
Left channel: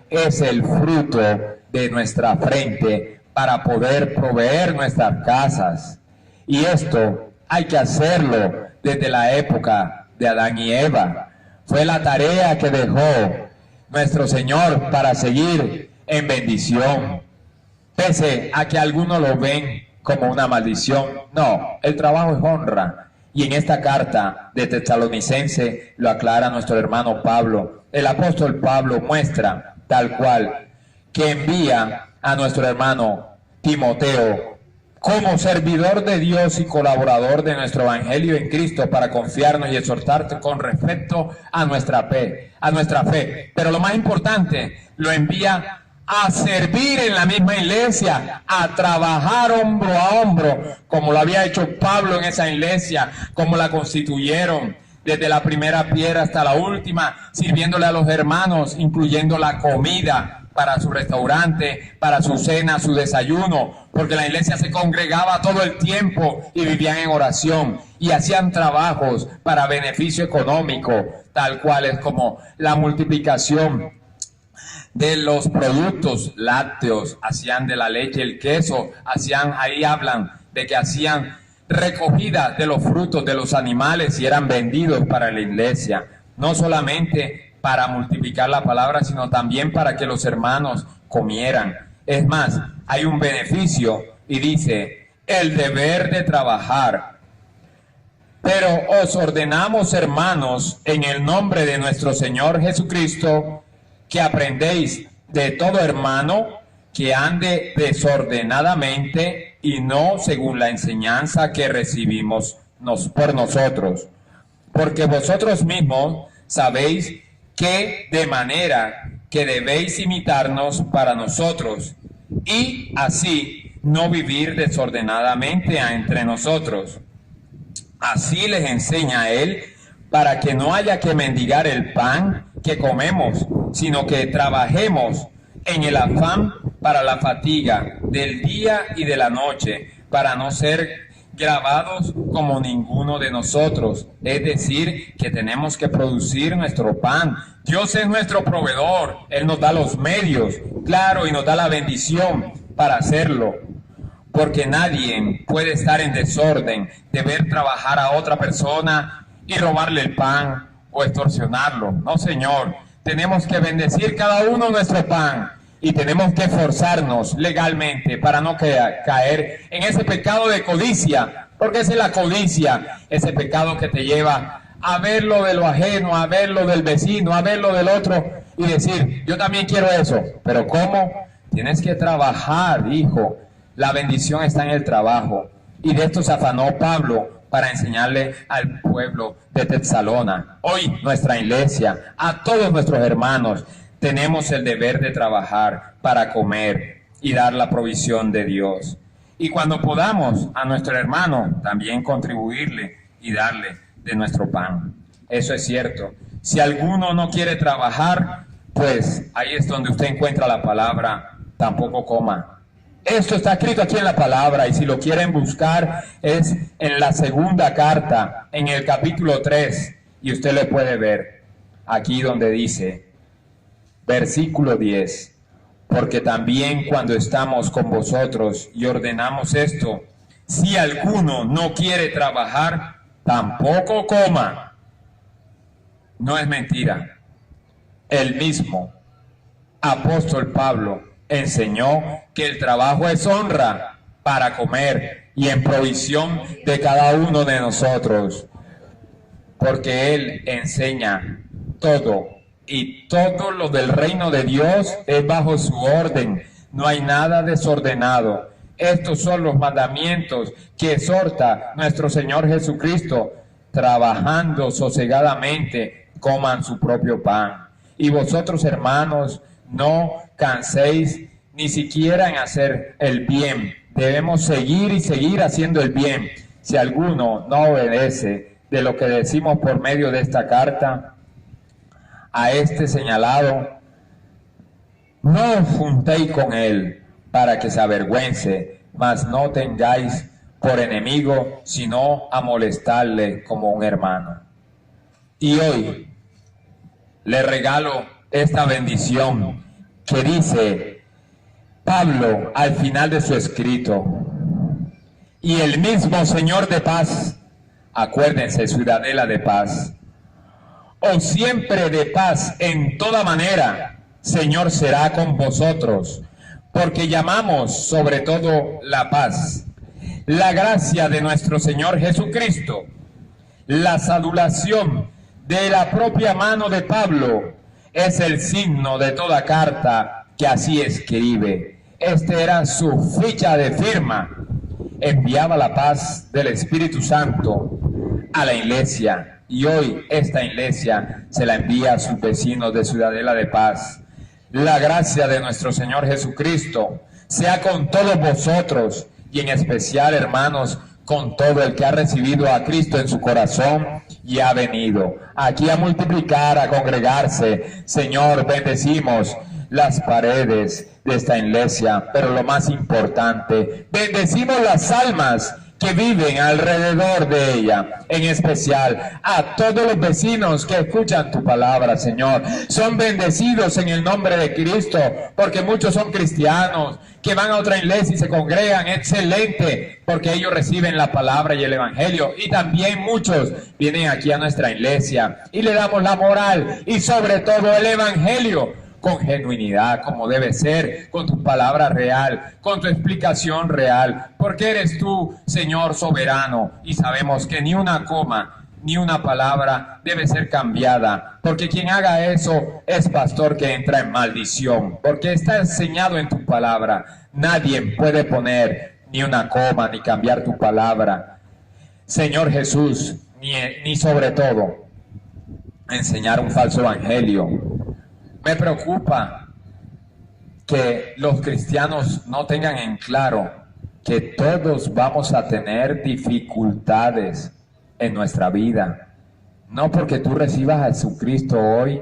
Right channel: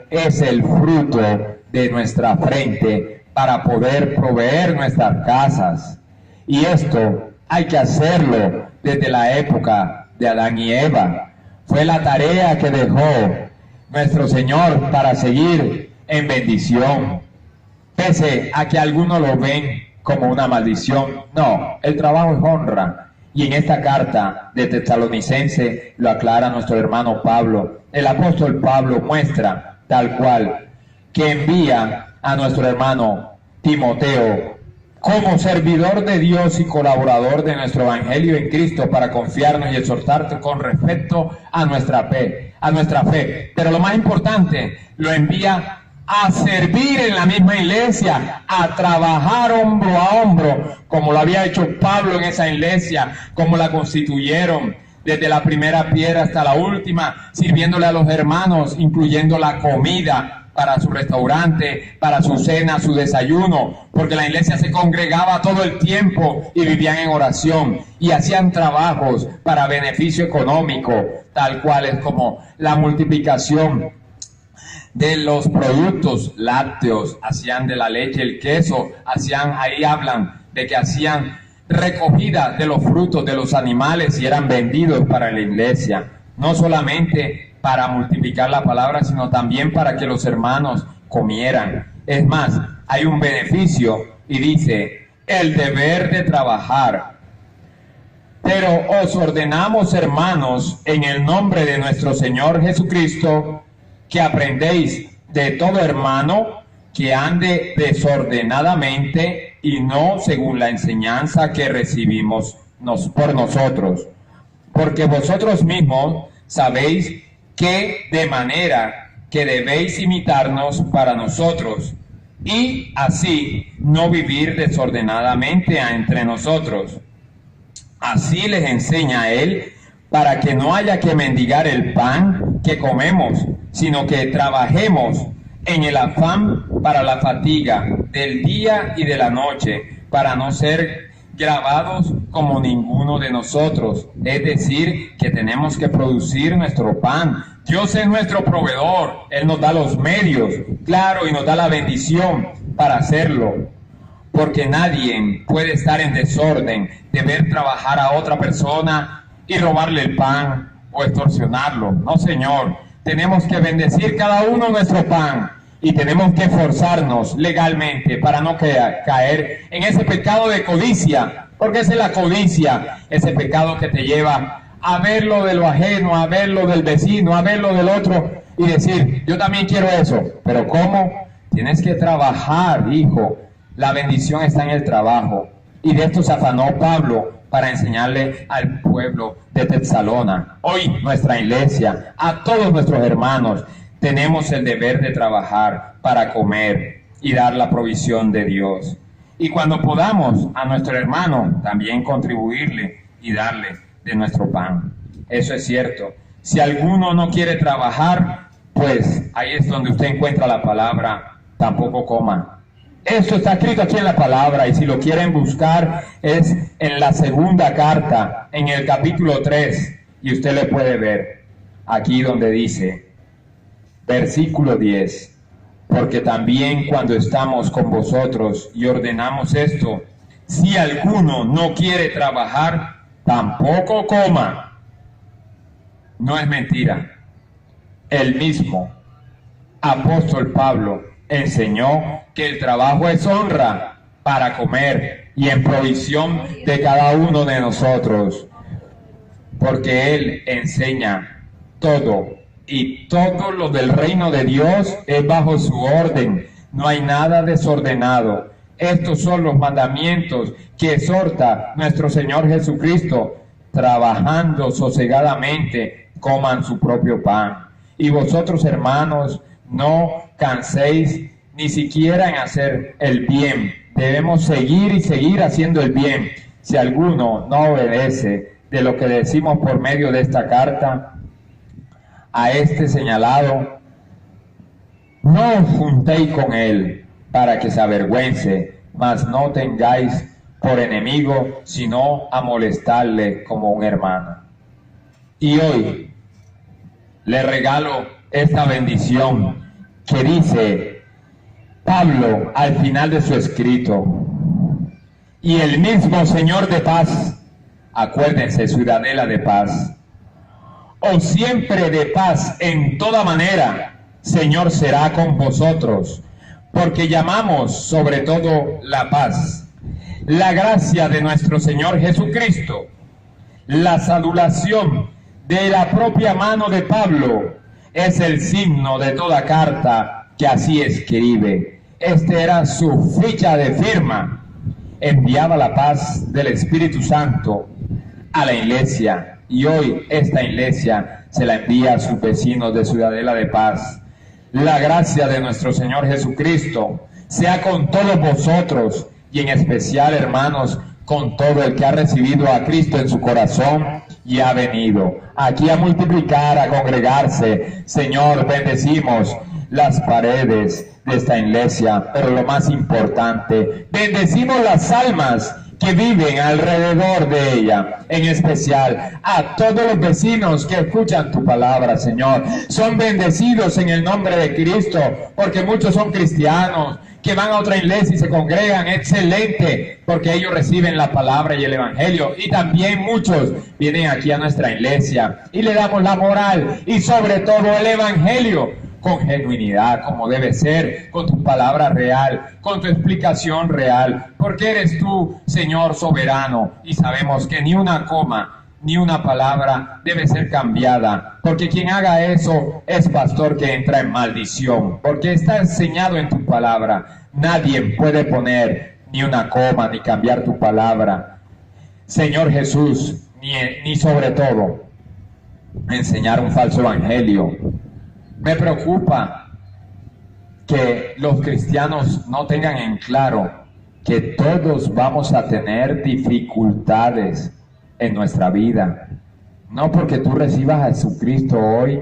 es el fruto de nuestra frente para poder proveer nuestras casas. Y esto hay que hacerlo desde la época de Adán y Eva. Fue la tarea que dejó nuestro Señor para seguir en bendición. Pese a que algunos lo ven como una maldición, no, el trabajo es honra. Y en esta carta de Tesalonicense lo aclara nuestro hermano Pablo. El apóstol Pablo muestra tal cual que envía a nuestro hermano Timoteo como servidor de Dios y colaborador de nuestro evangelio en Cristo para confiarnos y exhortarte con respecto a nuestra fe. Pero lo más importante, lo envía a servir en la misma iglesia, a trabajar hombro a hombro, como lo había hecho Pablo en esa iglesia, como la constituyeron, desde la primera piedra hasta la última, sirviéndole a los hermanos, incluyendo la comida para su restaurante, para su cena, su desayuno, porque la iglesia se congregaba todo el tiempo y vivían en oración y hacían trabajos para beneficio económico, tal cual es como la multiplicación de los productos lácteos, hacían de la leche, el queso, ahí hablan de que hacían recogida de los frutos de los animales y eran vendidos para la iglesia, no solamente para multiplicar la palabra, sino también para que los hermanos comieran. Es más, hay un beneficio y dice, el deber de trabajar Pero os ordenamos, hermanos, en el nombre de nuestro Señor Jesucristo, que aprendéis de todo hermano que ande desordenadamente y no según la enseñanza que recibimos por nosotros. Porque vosotros mismos sabéis que de manera que debéis imitarnos para nosotros, y así no vivir desordenadamente entre nosotros. Así les enseña él, para que no haya que mendigar el pan que comemos, sino que trabajemos en el afán para la fatiga del día y de la noche, para no ser grabados como ninguno de nosotros. Es decir, que tenemos que producir nuestro pan. Dios es nuestro proveedor, Él nos da los medios, claro, y nos da la bendición para hacerlo. Porque nadie puede estar en desorden de ver trabajar a otra persona y robarle el pan o extorsionarlo. No, Señor. Tenemos que bendecir cada uno nuestro pan y tenemos que esforzarnos legalmente para no caer en ese pecado de codicia. Porque esa es la codicia, ese pecado que te lleva a ver lo de lo ajeno, a ver lo del vecino, a ver lo del otro y decir, yo también quiero eso. Pero ¿cómo? Tienes que trabajar, hijo. La bendición está en el trabajo. Y de esto se afanó Pablo para enseñarle al pueblo de Tesalónica. Hoy nuestra iglesia, a todos nuestros hermanos, tenemos el deber de trabajar para comer y dar la provisión de Dios. Y cuando podamos a nuestro hermano, también contribuirle y darle de nuestro pan. Eso es cierto. Si alguno no quiere trabajar, pues ahí es donde usted encuentra la palabra, tampoco coma. Esto está escrito aquí en la palabra, y si lo quieren buscar es en la segunda carta, en el capítulo 3, y usted le puede ver aquí donde dice, versículo 10, porque también cuando estamos con vosotros y ordenamos esto, si alguno no quiere trabajar, tampoco coma. No es mentira. El mismo apóstol Pablo enseñó que el trabajo es honra para comer y en provisión de cada uno de nosotros, porque Él enseña todo, y todo lo del reino de Dios es bajo su orden, no hay nada desordenado. Estos son los mandamientos que exhorta nuestro Señor Jesucristo: trabajando sosegadamente, coman su propio pan. Y vosotros, hermanos, no canséis ni siquiera en hacer el bien. Debemos seguir y seguir haciendo el bien. Si alguno no obedece de lo que decimos por medio de esta carta, a este señalado, no os juntéis con él para que se avergüence, mas no tengáis por enemigo, sino a molestarle como un hermano. Y hoy le regalo esta bendición que dice Pablo al final de su escrito: y el mismo Señor de paz, acuérdense, ciudadela de paz, o siempre de paz en toda manera, Señor será con vosotros, porque llamamos sobre todo la paz, la gracia de nuestro Señor Jesucristo, la salutación de la propia mano de Pablo, es el signo de toda carta que así escribe. Este era su ficha de firma. Enviaba la paz del Espíritu Santo a la iglesia, y hoy esta iglesia se la envía a sus vecinos de Ciudadela de Paz. La gracia de nuestro Señor Jesucristo sea con todos vosotros, y en especial, hermanos, con todo el que ha recibido a Cristo en su corazón y ha venido aquí a multiplicar, a congregarse. Señor, bendecimos las paredes de esta iglesia, pero lo más importante, bendecimos las almas que viven alrededor de ella, en especial a todos los vecinos que escuchan tu palabra, Señor. Son bendecidos en el nombre de Cristo, porque muchos son cristianos que van a otra iglesia y se congregan, excelente, porque ellos reciben la palabra y el evangelio, y también muchos vienen aquí a nuestra iglesia y le damos la moral y sobre todo el evangelio, con genuinidad, como debe ser, con tu palabra real, con tu explicación real, porque eres tú, Señor soberano, y sabemos que ni una coma, ni una palabra debe ser cambiada, porque quien haga eso es pastor que entra en maldición, porque está enseñado en tu palabra. Nadie puede poner ni una coma, ni cambiar tu palabra, Señor Jesús, ni sobre todo enseñar un falso evangelio. Me preocupa que los cristianos no tengan en claro que todos vamos a tener dificultades en nuestra vida. No porque tú recibas a Jesucristo hoy,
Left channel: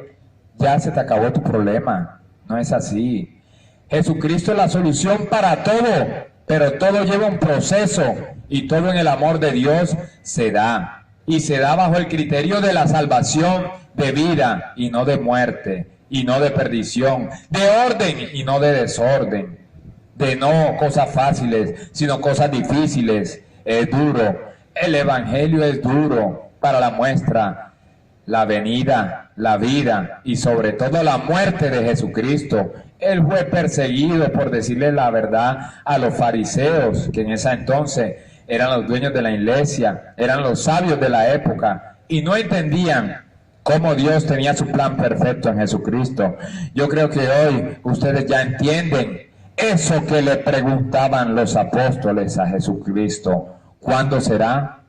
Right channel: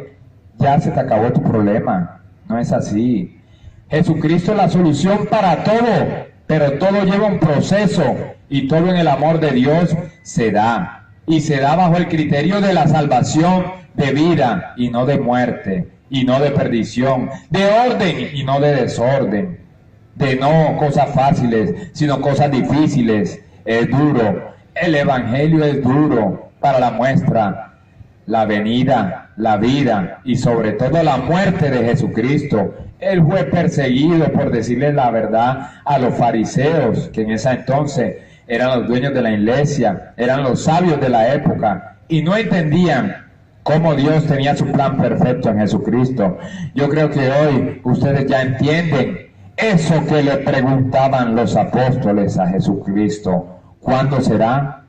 ya se te acabó tu problema. No es así. Jesucristo es la solución para todo, pero todo lleva un proceso y todo en el amor de Dios se da. Y se da bajo el criterio de la salvación de vida y no de muerte, y no de perdición, de orden y no de desorden, de no cosas fáciles, sino cosas difíciles. Es duro. El evangelio es duro para la muestra, la venida, la vida y sobre todo la muerte de Jesucristo. Él fue perseguido por decirle la verdad a los fariseos, que en ese entonces eran los dueños de la iglesia, eran los sabios de la época y no entendían cómo Dios tenía su plan perfecto en Jesucristo. Yo creo que hoy ustedes ya entienden eso que le preguntaban los apóstoles a Jesucristo. ¿Cuándo será?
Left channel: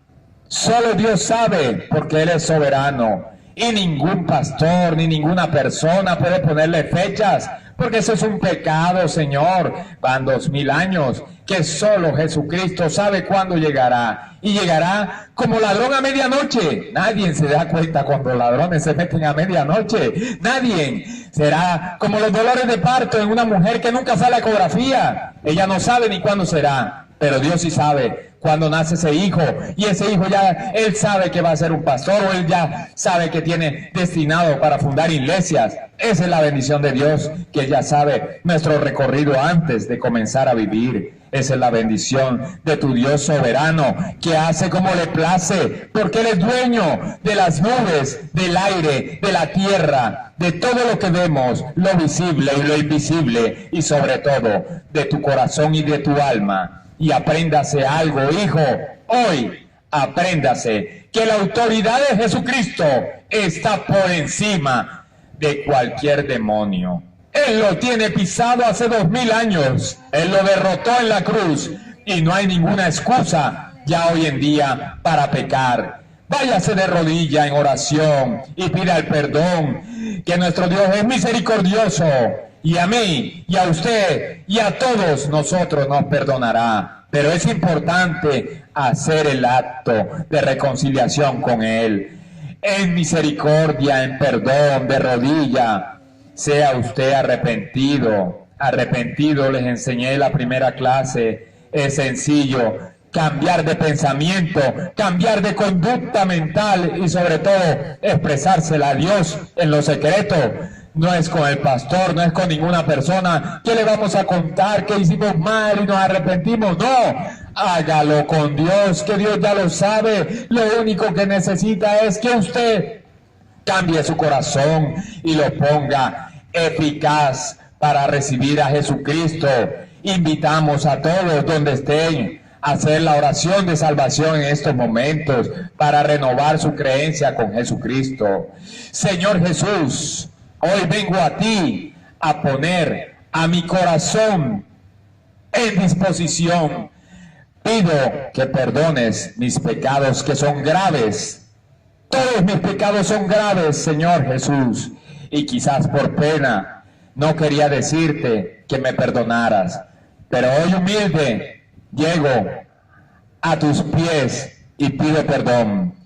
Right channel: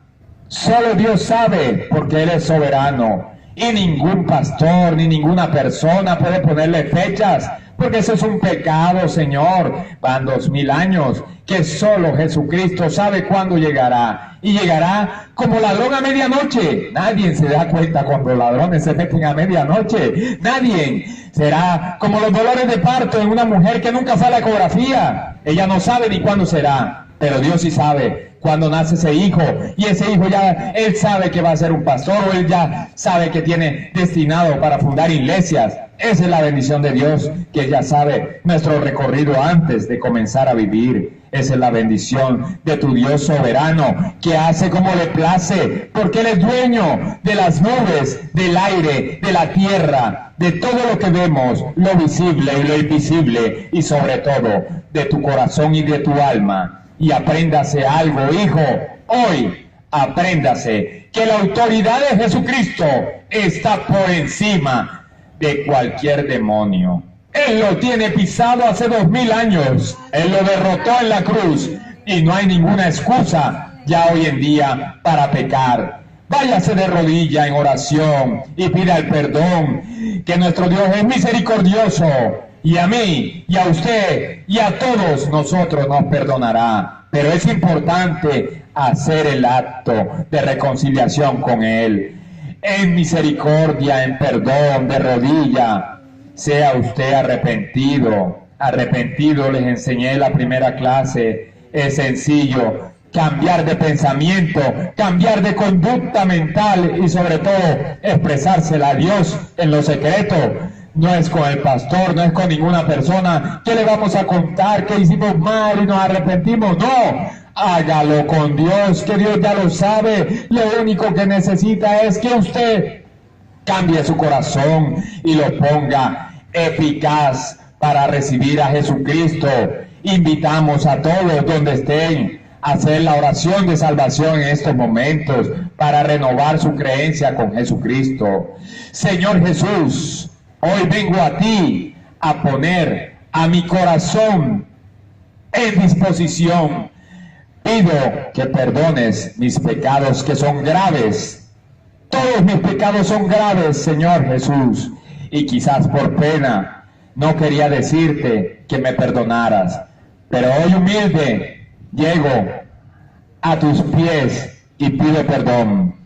Solo Dios sabe, porque Él es soberano. Y ningún pastor, ni ninguna persona puede ponerle fechas, porque eso es un pecado, Señor. Van 2000 años, que solo Jesucristo sabe cuándo llegará. Y llegará como ladrón a medianoche. Nadie se da cuenta cuando ladrones se meten a medianoche. Nadie. Será como los dolores de parto en una mujer que nunca fue a la ecografía. Ella no sabe ni cuándo será, pero Dios sí sabe cuando nace ese hijo, y ese hijo ya, él sabe que va a ser un pastor, o él ya sabe que tiene destinado para fundar iglesias. Esa es la bendición de Dios, que él ya sabe nuestro recorrido antes de comenzar a vivir. Esa es la bendición de tu Dios soberano, que hace como le place, porque Él es dueño de las nubes, del aire, de la tierra, de todo lo que vemos, lo visible y lo invisible, y sobre todo de tu corazón y de tu alma. Y apréndase algo, hijo, hoy apréndase que la autoridad de Jesucristo está por encima de cualquier demonio. Él lo tiene pisado hace 2000 años, Él lo derrotó en la cruz y no hay ninguna excusa ya hoy en día para pecar. Váyase de rodilla en oración y pida el perdón, que nuestro Dios es misericordioso. Y a mí, y a usted, y a todos nosotros nos perdonará. Pero es importante hacer el acto de reconciliación con Él. En misericordia, en perdón, de rodilla. Sea usted arrepentido. Arrepentido, les enseñé en la primera clase. Es sencillo. Cambiar de pensamiento, cambiar de conducta mental y sobre todo expresársela a Dios en lo secreto. No es con el pastor, no es con ninguna persona que le vamos a contar que hicimos mal y nos arrepentimos. No, hágalo con Dios, que Dios ya lo sabe. Lo único que necesita es que usted cambie su corazón y lo ponga eficaz para recibir a Jesucristo. Invitamos a todos donde estén a hacer la oración de salvación en estos momentos para renovar su creencia con Jesucristo. Señor Jesús, hoy vengo a ti a poner a mi corazón en disposición. Pido que perdones mis pecados, que son graves. Todos mis pecados son graves, Señor Jesús. Y quizás por pena no quería decirte que me perdonaras. Pero hoy humilde llego a tus pies y pido perdón.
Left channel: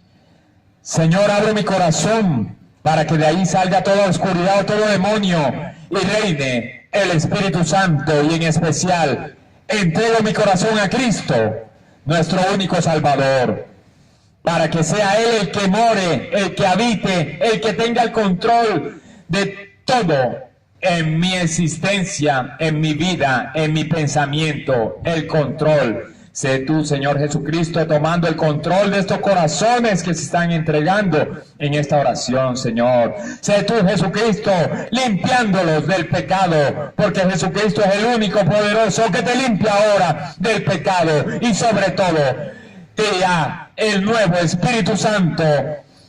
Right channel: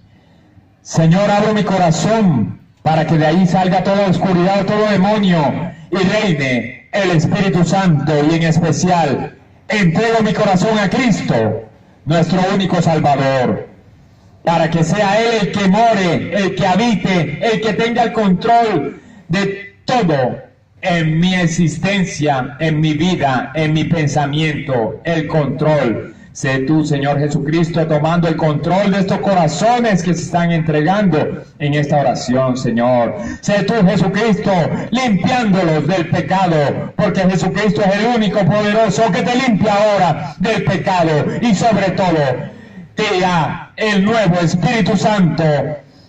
Señor, abro mi corazón para que de ahí salga toda oscuridad, todo demonio, y reine el Espíritu Santo, y en especial entrego mi corazón a Cristo, nuestro único Salvador, para que sea Él el que more, el que habite, el que tenga el control de todo en mi existencia, en mi vida, en mi pensamiento, el control. Sé tú, Señor Jesucristo, tomando el control de estos corazones que se están entregando en esta oración, Señor. Sé tú, Jesucristo, limpiándolos del pecado, porque Jesucristo es el único poderoso que te limpia ahora del pecado, y sobre todo te da el nuevo Espíritu Santo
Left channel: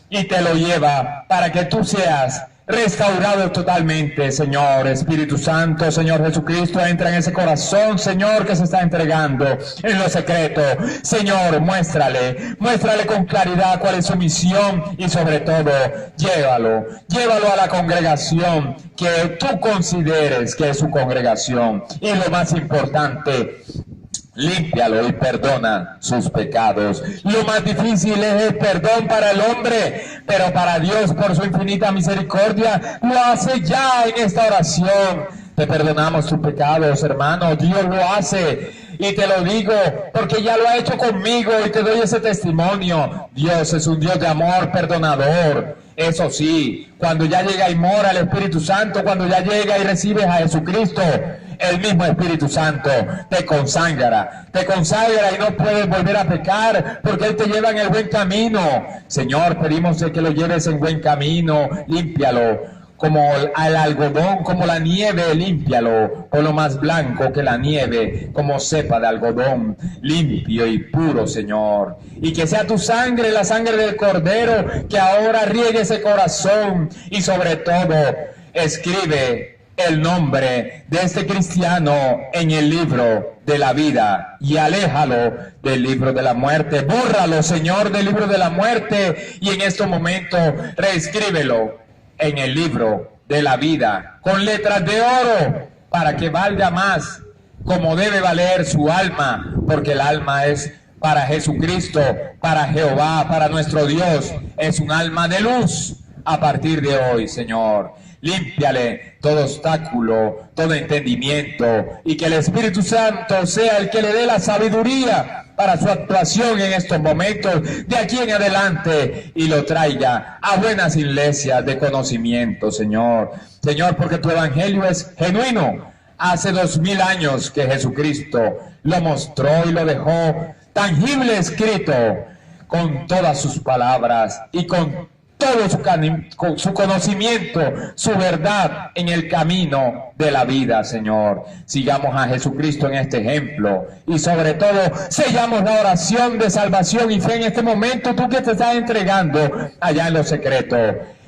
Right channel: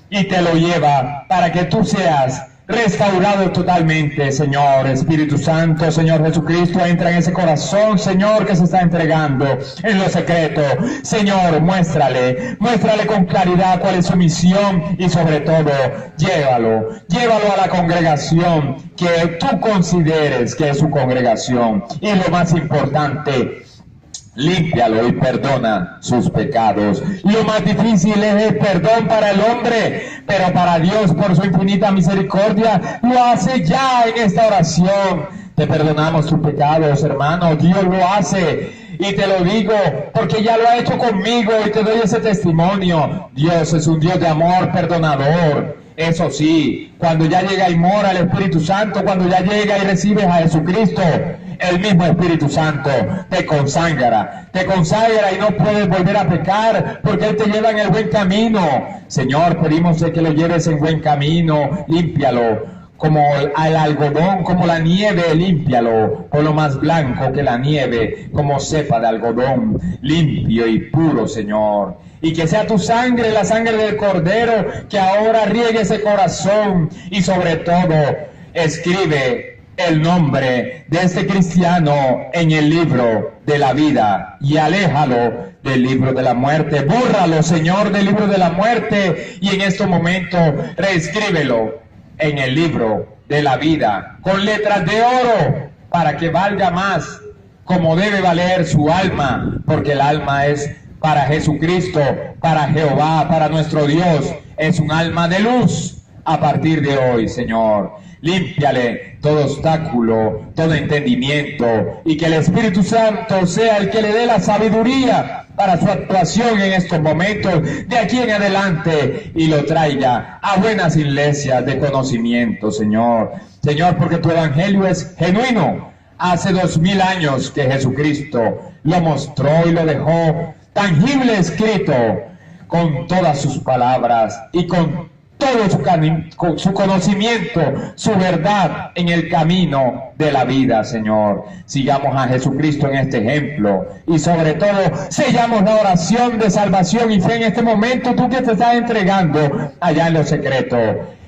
y te lo lleva para que tú seas restaurado totalmente, Señor. Espíritu Santo, Señor Jesucristo, entra en ese corazón, Señor, que se está entregando en lo secreto. Señor, muéstrale con claridad cuál es su misión, y sobre todo, llévalo a la congregación que tú consideres que es su congregación. Y lo más importante, límpialo y perdona sus pecados. Lo más difícil es el perdón para el hombre, pero para Dios, por su infinita misericordia, lo hace ya en esta oración. Te perdonamos tus pecados, hermano. Dios lo hace, y te lo digo porque ya lo ha hecho conmigo, y te doy ese testimonio. Dios es un Dios de amor perdonador. Eso sí, cuando ya llega y mora el Espíritu Santo, cuando ya llega y recibes a Jesucristo, el mismo Espíritu Santo te consagra y no puedes volver a pecar, porque Él te lleva en el buen camino. Señor, pedimos que lo lleves en buen camino. Límpialo como al algodón, como la nieve, límpialo, por lo más blanco que la nieve, como cepa de algodón, limpio y puro, Señor. Y que sea tu sangre, la sangre del Cordero, que ahora riegue ese corazón, y sobre todo, escribe el nombre de este cristiano en el libro de la vida, y aléjalo del libro de la muerte. Bórralo, Señor, del libro de la muerte, y en este momento reescríbelo en el libro de la vida con letras de oro, para que valga más, como debe valer su alma, porque el alma es para Jesucristo, para Jehová, para nuestro Dios. Es un alma de luz a partir de hoy, Señor. Límpiale todo obstáculo, todo entendimiento, y que el Espíritu Santo sea el que le dé la sabiduría para su actuación en estos momentos, de aquí en adelante, y lo traiga a buenas iglesias de conocimiento, Señor. Señor, porque tu evangelio es genuino. Hace 2000 años que Jesucristo lo mostró y lo dejó tangible, escrito, con todas sus palabras y con todo su conocimiento, su verdad en el camino de la vida, Señor. Sigamos a Jesucristo en este ejemplo, y sobre todo, sellamos la oración de salvación y fe en este momento, tú que te estás entregando allá en lo secreto.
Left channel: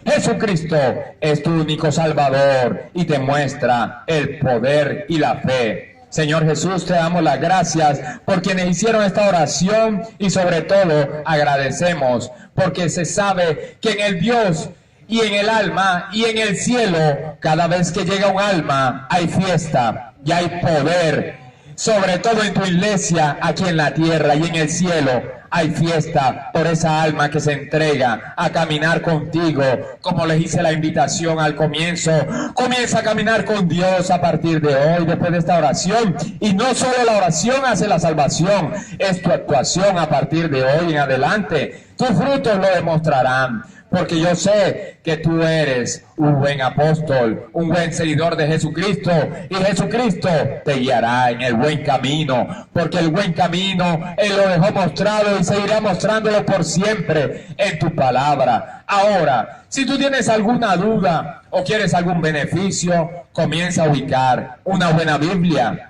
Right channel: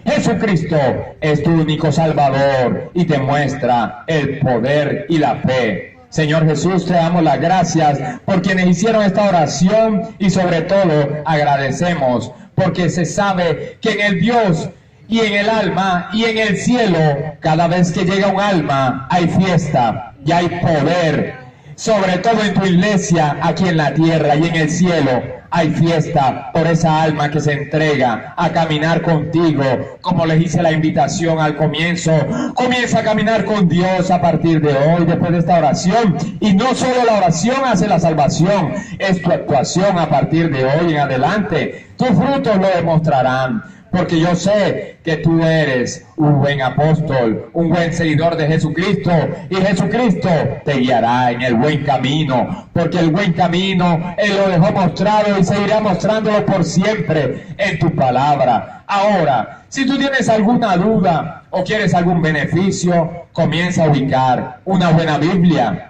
Jesucristo es tu único Salvador, y te muestra el poder y la fe. Señor Jesús, te damos las gracias por quienes hicieron esta oración, y sobre todo agradecemos porque se sabe que en el Dios y en el alma y en el cielo, cada vez que llega un alma hay fiesta y hay poder, sobre todo en tu iglesia aquí en la tierra, y en el cielo hay fiesta por esa alma que se entrega a caminar contigo, como les hice la invitación al comienzo. Comienza a caminar con Dios a partir de hoy, después de esta oración, y no solo la oración hace la salvación, es tu actuación a partir de hoy en adelante. Tus frutos lo demostrarán, porque yo sé que tú eres un buen apóstol, un buen seguidor de Jesucristo, y Jesucristo te guiará en el buen camino, porque el buen camino Él lo dejó mostrado y seguirá mostrándolo por siempre en tu palabra. Ahora, si tú tienes alguna duda o quieres algún beneficio, comienza a ubicar una buena Biblia.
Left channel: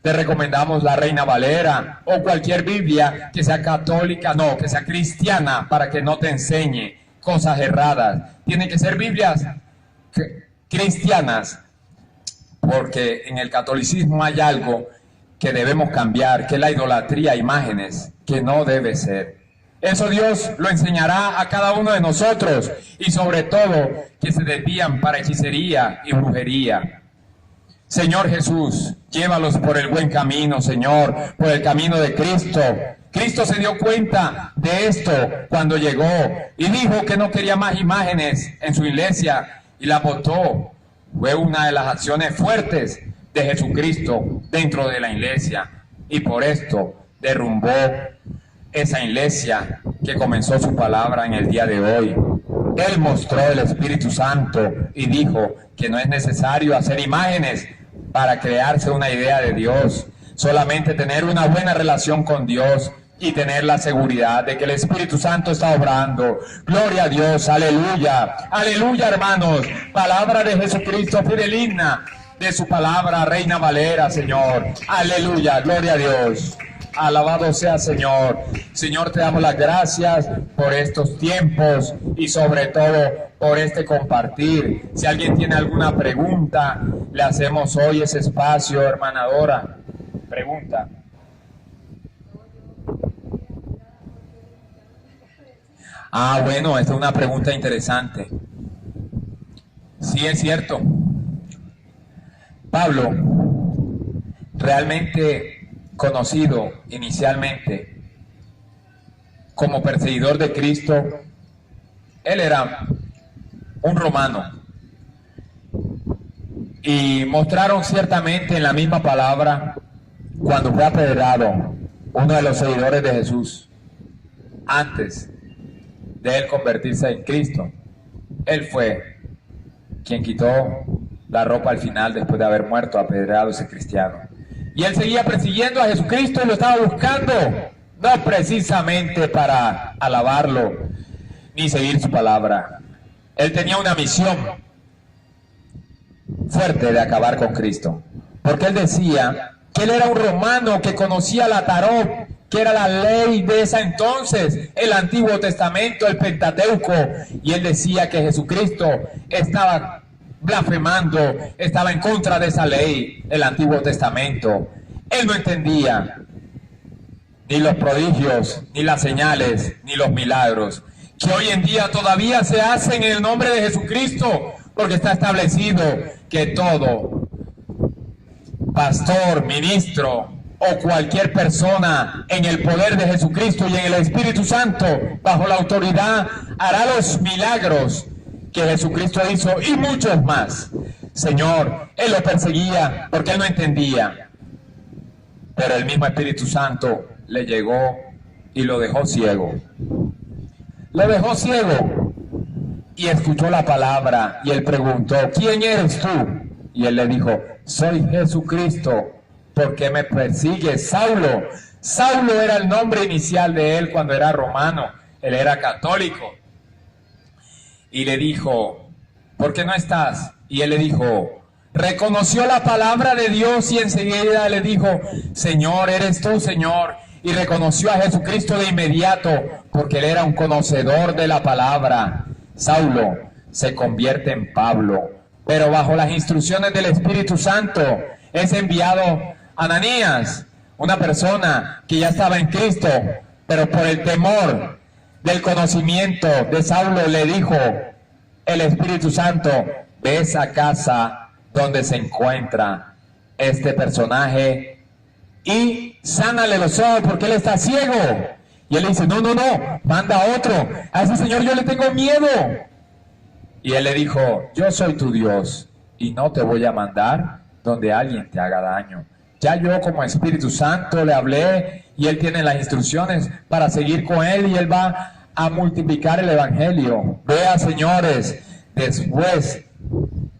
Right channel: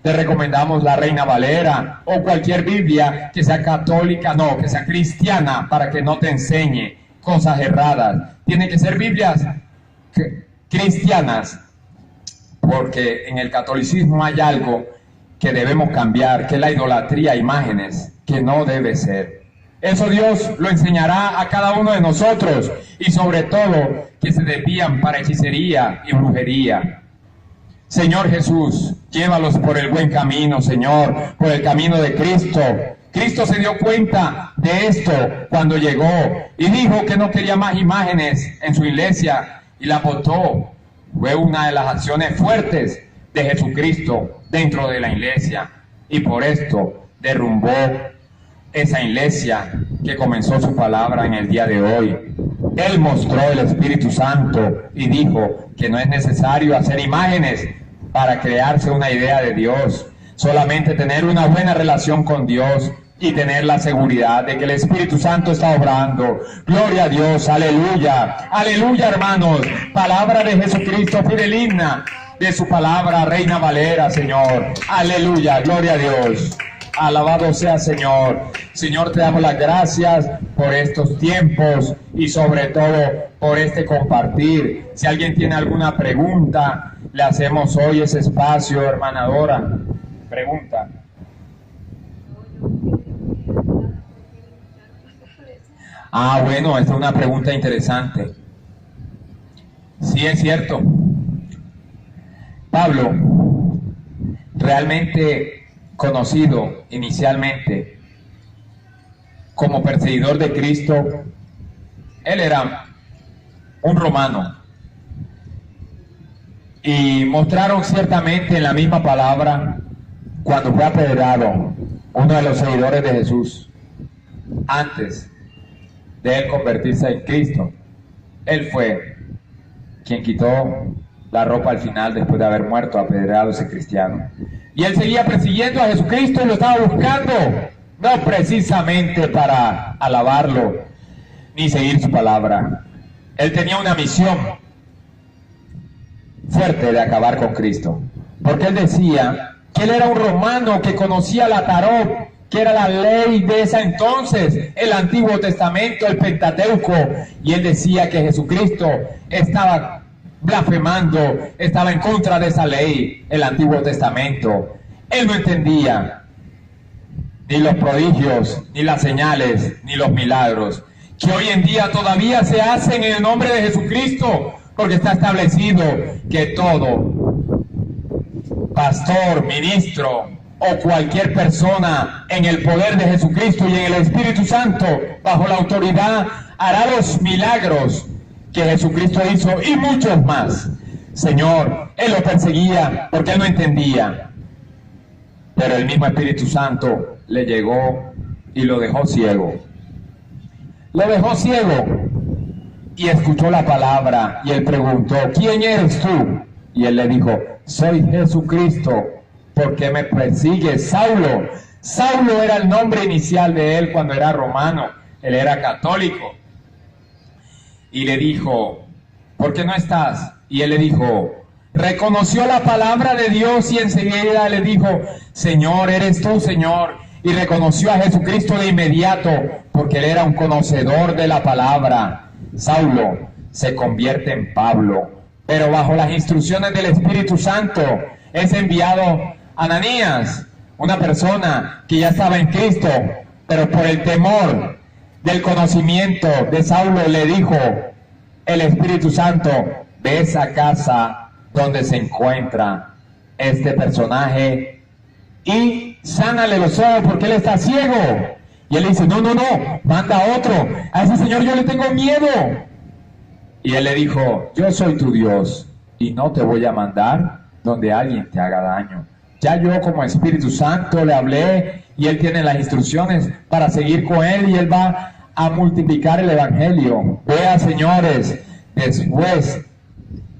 Te recomendamos la Reina Valera o cualquier Biblia que sea católica, no, que sea cristiana, para que no te enseñe cosas erradas. Tienen que ser Biblias cristianas, porque en el catolicismo hay algo que debemos cambiar, que es la idolatría a imágenes, que no debe ser. Eso Dios lo enseñará a cada uno de nosotros, y sobre todo que se desvían para hechicería y brujería. Señor Jesús, llévalos por el buen camino, Señor, por el camino de Cristo. Cristo se dio cuenta de esto cuando llegó y dijo que no quería más imágenes en su iglesia, y la botó. Fue una de las acciones fuertes de Jesucristo dentro de la iglesia, y por esto derrumbó esa iglesia que comenzó su palabra en el día de hoy. Él mostró el Espíritu Santo y dijo que no es necesario hacer imágenes para crearse una idea de Dios. Solamente tener una buena relación con Dios y tener la seguridad de que el Espíritu Santo está obrando. Gloria a Dios, aleluya, aleluya, hermanos. Palabra de Jesucristo, fideligna de su palabra, Reina Valera, Señor. Aleluya, gloria a Dios. Alabado sea, Señor. Señor, te damos las gracias por estos tiempos y sobre todo por este compartir. Si alguien tiene alguna pregunta, le hacemos hoy ese espacio, hermana Dora. Pregunta. Bueno, esta es una pregunta interesante. Sí, es cierto. Pablo, realmente conocido inicialmente como perseguidor de Cristo, él era un romano. Y mostraron ciertamente en la misma palabra, cuando fue apedreado, uno de los seguidores de Jesús, antes de él convertirse en Cristo, él fue quien quitó la ropa al final después de haber muerto apedreado ese cristiano. Y él seguía persiguiendo a Jesucristo y lo estaba buscando, no precisamente para alabarlo ni seguir su palabra. Él tenía una misión fuerte de acabar con Cristo, porque él decía que él era un romano que conocía la Tarot, que era la ley de ese entonces, el Antiguo Testamento, el Pentateuco, y él decía que Jesucristo estaba blasfemando, estaba en contra de esa ley, el Antiguo Testamento. Él no entendía ni los prodigios, ni las señales, ni los milagros, que hoy en día todavía se hacen en el nombre de Jesucristo, porque está establecido que todo pastor, ministro o cualquier persona en el poder de Jesucristo y en el Espíritu Santo, bajo la autoridad, hará los milagros que Jesucristo hizo y muchos más. Señor, él lo perseguía porque él no entendía, pero el mismo Espíritu Santo le llegó y lo dejó ciego. Lo dejó ciego y escuchó la palabra y él preguntó: ¿quién eres tú? Y él le dijo: soy Jesucristo. ¿Por qué me persigues, Saulo? Saulo era el nombre inicial de él cuando era romano, él era católico. Y le dijo: ¿por qué no estás? Y él le dijo, reconoció la palabra de Dios y enseguida le dijo: Señor, eres tú, Señor. Y reconoció a Jesucristo de inmediato, porque él era un conocedor de la palabra. Saulo se convierte en Pablo, pero bajo las instrucciones del Espíritu Santo es enviado Ananías, una persona que ya estaba en Cristo, pero por el temor del conocimiento de Saulo le dijo el Espíritu Santo: ve a esa casa donde se encuentra este personaje y sánale los ojos porque él está ciego. Y él dice: no, manda a otro. Así, Señor, yo le tengo miedo. Y él le dijo: yo soy tu Dios y no te voy a mandar donde alguien te haga daño. Ya yo como Espíritu Santo le hablé y él tiene las instrucciones para seguir con él y él va a multiplicar el Evangelio. Vea, señores, después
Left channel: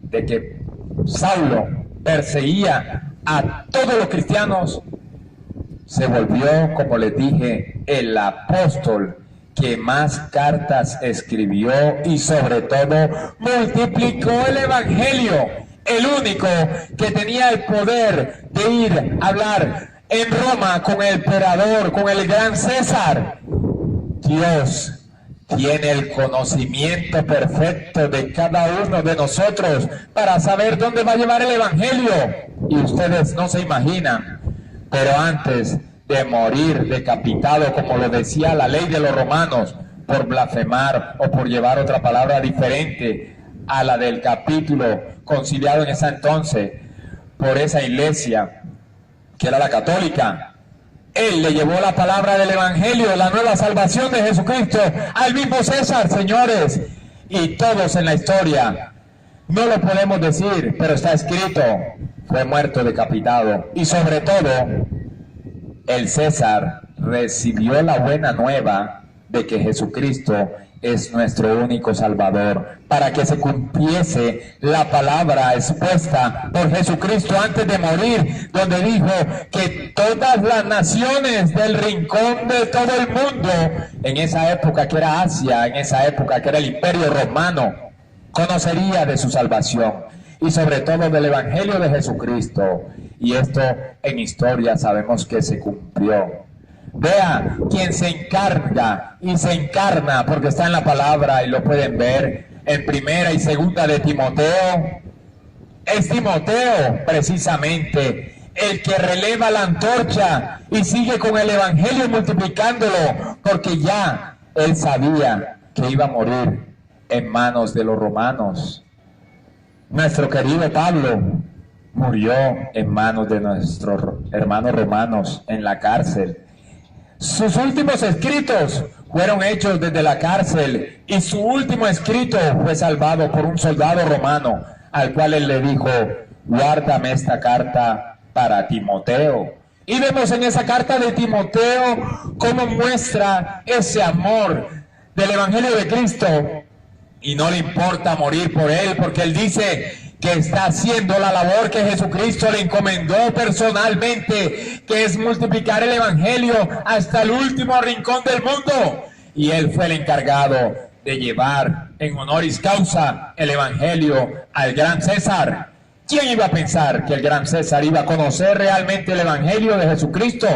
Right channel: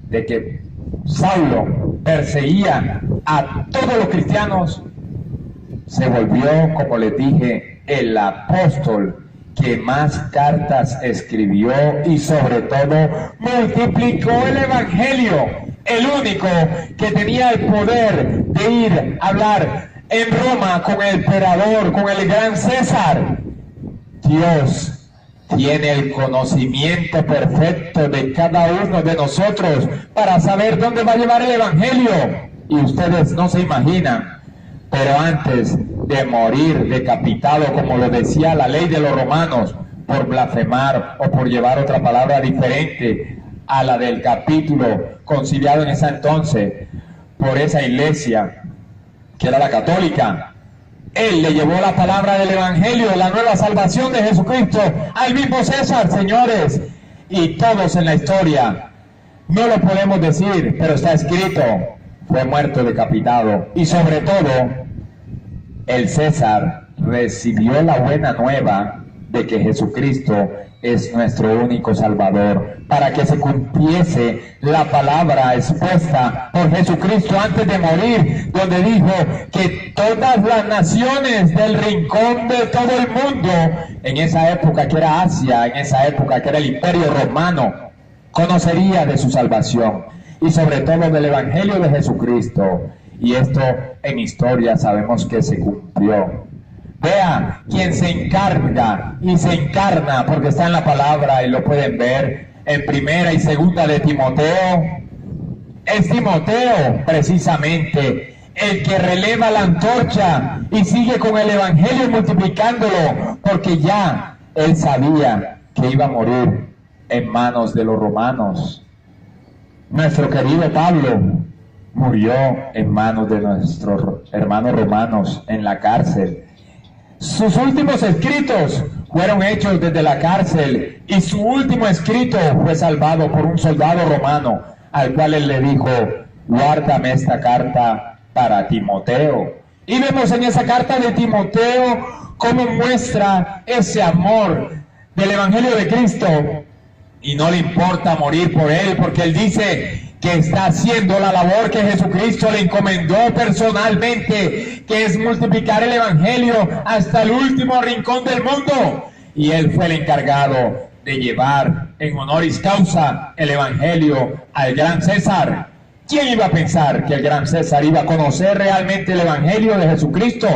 de que Saulo perseguía a todos los cristianos, se volvió, como les dije, el apóstol que más cartas escribió y sobre todo multiplicó el Evangelio. El único que tenía el poder de ir a hablar en Roma con el emperador, con el gran César. Dios tiene el conocimiento perfecto de cada uno de nosotros para saber dónde va a llevar el Evangelio. Y ustedes no se imaginan, pero antes de morir decapitado, como lo decía la ley de los romanos, por blasfemar o por llevar otra palabra diferente a la del capítulo conciliado en ese entonces por esa iglesia que era la católica, él le llevó la palabra del Evangelio, la nueva salvación de Jesucristo al mismo César, señores. Y todos en la historia, no lo podemos decir, pero está escrito, fue muerto decapitado. Y sobre todo, el César recibió la buena nueva de que Jesucristo es nuestro único Salvador, para que se cumpliese la palabra expuesta por Jesucristo antes de morir, donde dijo que todas las naciones del rincón de todo el mundo, en esa época que era Asia, en esa época que era el Imperio Romano, conocería de su salvación y sobre todo del Evangelio de Jesucristo. Y esto en historia sabemos que se cumplió. Vea, quien se encarga y se encarna, porque está en la palabra y lo pueden ver en primera y segunda de Timoteo, es Timoteo precisamente el que releva la antorcha y sigue con el Evangelio multiplicándolo, porque ya él sabía que iba a morir en manos de los romanos. Nuestro querido Pablo murió en manos de nuestros hermanos romanos en la cárcel. Sus últimos escritos fueron hechos desde la cárcel y su último escrito fue salvado por un soldado romano al cual él le dijo: guárdame esta carta para Timoteo. Y vemos en esa carta de Timoteo cómo muestra ese amor del Evangelio de Cristo y no le importa morir por él, porque él dice que está haciendo la labor que Jesucristo le encomendó personalmente, que es multiplicar el Evangelio hasta el último rincón del mundo. Y él fue el encargado de llevar en honoris causa el Evangelio al gran César. ¿Quién iba a pensar que el gran César iba a conocer realmente el Evangelio de Jesucristo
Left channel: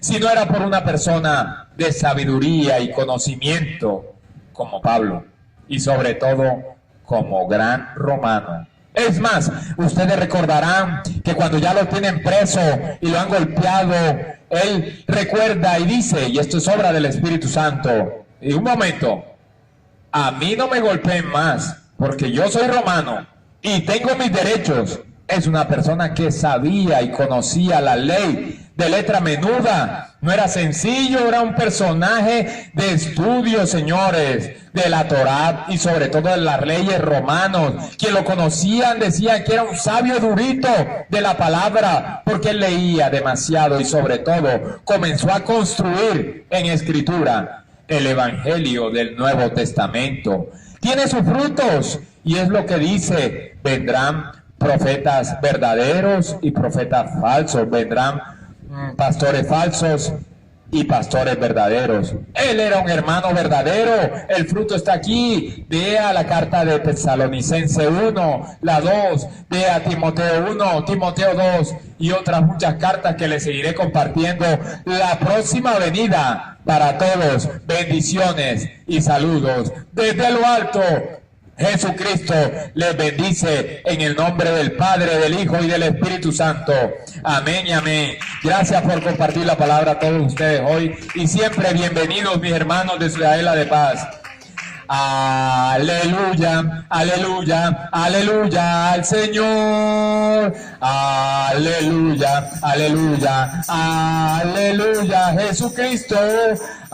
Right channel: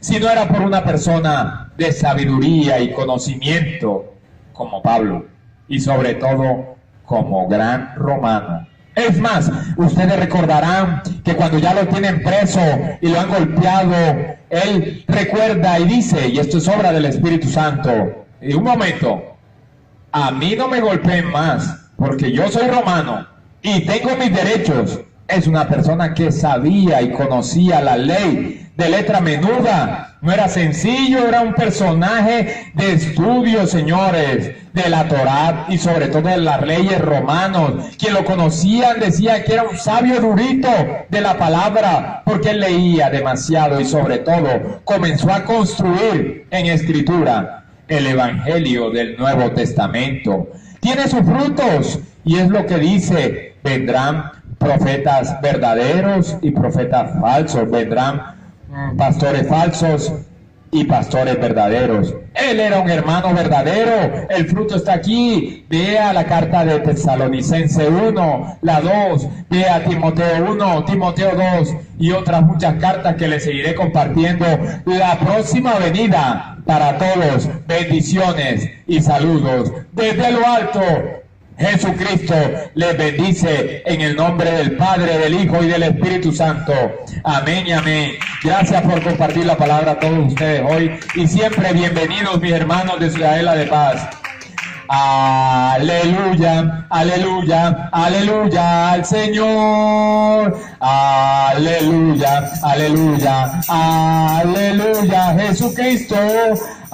si no era por una persona de sabiduría y conocimiento como Pablo, y sobre todo como gran romano? Es más, ustedes recordarán que cuando ya lo tienen preso y lo han golpeado, él recuerda y dice, y esto es obra del Espíritu Santo: y un momento, a mí no me golpeen más, porque yo soy romano y tengo mis derechos. Es una persona que sabía y conocía la ley de letra menuda. No era sencillo, era un personaje de estudio, señores, de la Torá y sobre todo de las leyes romanos. Quien lo conocían decía que era un sabio erudito de la palabra, porque él leía demasiado y sobre todo comenzó a construir en escritura el Evangelio del Nuevo Testamento. Tiene sus frutos y es lo que dice: vendrán profetas verdaderos y profetas falsos, vendrán pastores falsos y pastores verdaderos. Él era un hermano verdadero, el fruto está aquí. Vea la carta de Tesalonicense 1, la 2, vea Timoteo 1, Timoteo 2 y otras muchas cartas que les seguiré compartiendo la próxima venida. Para todos, bendiciones y saludos desde lo alto. Jesucristo les bendice en el nombre del Padre, del Hijo y del Espíritu Santo. Amén y amén. Gracias por compartir la palabra a todos ustedes hoy y siempre bienvenidos, mis hermanos de Ciudadela de Paz. Aleluya, aleluya, aleluya al Señor. Aleluya, aleluya, aleluya Jesucristo.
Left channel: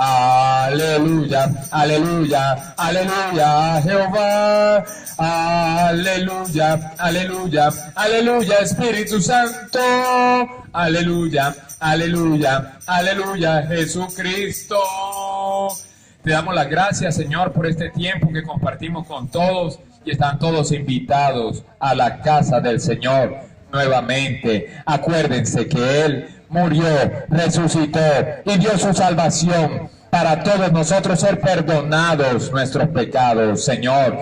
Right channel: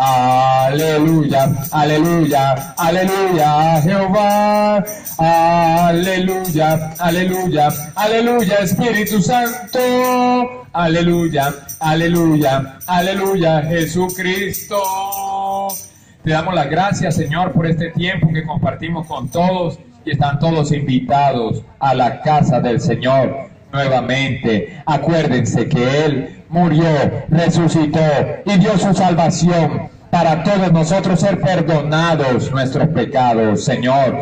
Aleluya, aleluya, aleluya Jehová. Aleluya, aleluya, aleluya Espíritu Santo. Aleluya, aleluya, aleluya Jesucristo. Te damos las gracias, Señor, por este tiempo que compartimos con todos y están todos invitados a la casa del Señor nuevamente. Acuérdense que Él murió, resucitó y dio su salvación para todos nosotros ser perdonados nuestros pecados, Señor.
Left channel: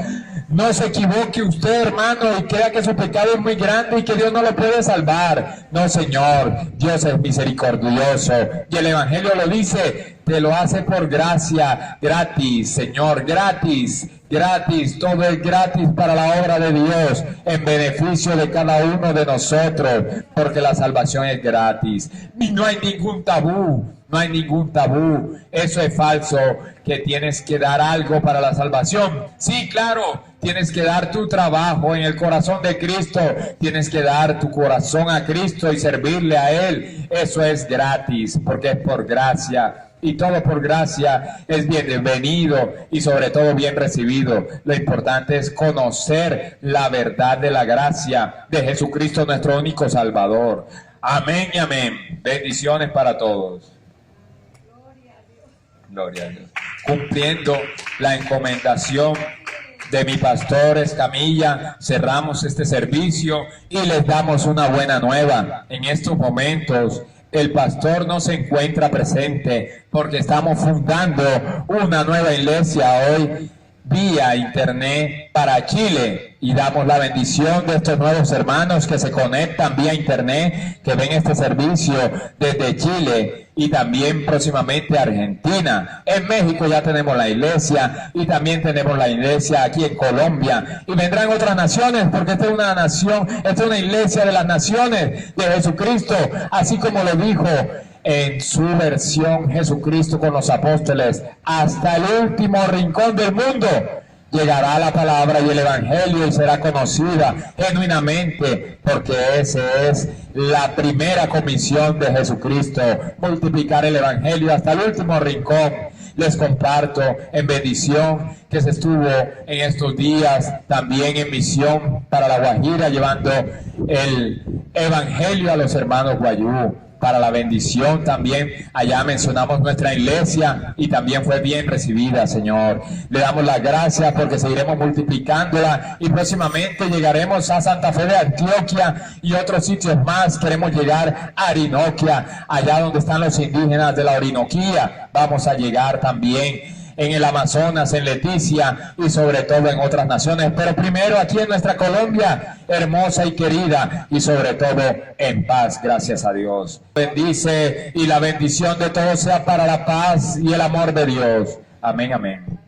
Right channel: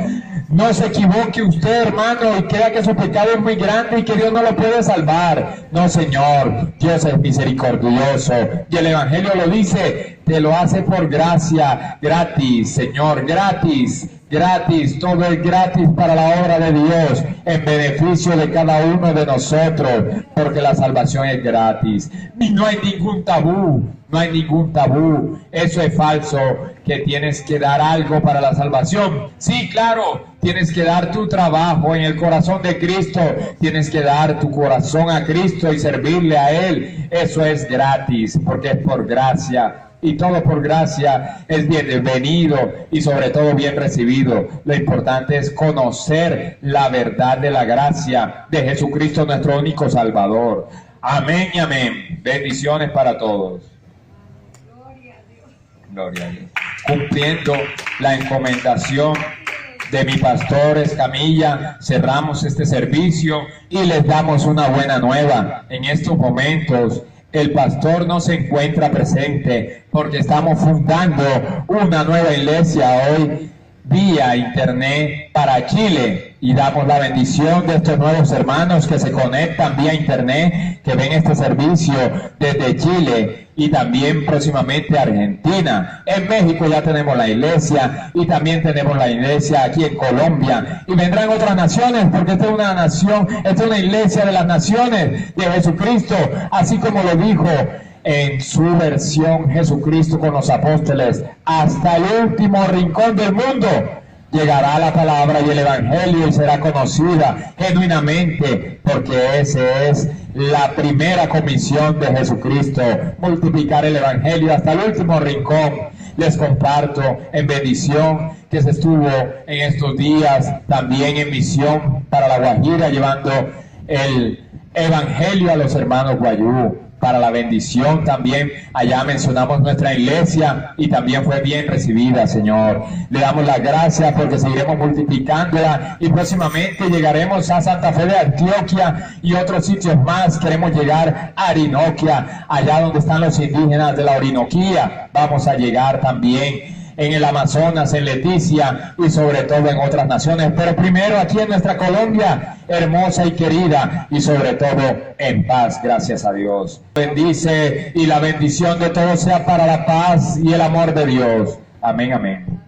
No se equivoque usted, hermano, y crea que su pecado es muy grande y que Dios no lo puede salvar. No, Señor, Dios es misericordioso y el Evangelio lo dice, te lo hace por gracia, gratis, Señor, gratis. Gratis, todo es gratis para la obra de Dios, en beneficio de cada uno de nosotros, porque la salvación es gratis. Y no hay ningún tabú, no hay ningún tabú. Eso es falso, que tienes que dar algo para la salvación. Sí, claro, tienes que dar tu trabajo en el corazón de Cristo, tienes que dar tu corazón a Cristo y servirle a Él. Eso es gratis, porque es por gracia. Y todo por gracia es bienvenido y sobre todo bien recibido. Lo importante es conocer la verdad de la gracia de Jesucristo, nuestro único Salvador. Amén y amén. Bendiciones para todos. Gloria a Dios. Gloria a Dios. Cumpliendo la encomendación de mi pastor Escamilla, cerramos este servicio y les damos una buena nueva. En estos momentos el pastor no se encuentra presente porque estamos fundando una nueva iglesia hoy vía internet para Chile, y damos la bendición de estos nuevos hermanos que se conectan vía internet, que ven este servicio desde Chile y también próximamente Argentina. En México ya tenemos la iglesia y también tenemos la iglesia aquí en Colombia, y vendrán otras naciones, porque esta es una nación, esta es una iglesia de las naciones de Jesucristo, así como lo dijo en su versión Jesucristo con los apóstoles: hasta el último rincón del mundo llegará la palabra y el evangelio y será conocida genuinamente, porque esa es la primera comisión de Jesucristo: multiplicar el evangelio hasta el último rincón. Les comparto en bendición que se estuvo en estos días también en misión para La Guajira, llevando el evangelio a los hermanos guayú. Para la bendición también, allá mencionamos nuestra iglesia y también fue bien recibida, Señor. Le damos las gracias porque seguiremos multiplicándola y próximamente llegaremos a Santa Fe de Antioquia y otros sitios más. Queremos llegar a Orinoquia, allá donde están los indígenas de la Orinoquía. Vamos a llegar también en el Amazonas, en Leticia y sobre todo en otras naciones, pero primero aquí en nuestra Colombia, hermosa y querida, y sobre todo en paz, gracias a Dios. Bendice, y la bendición de todos sea para la paz y el amor de Dios. Amén, amén.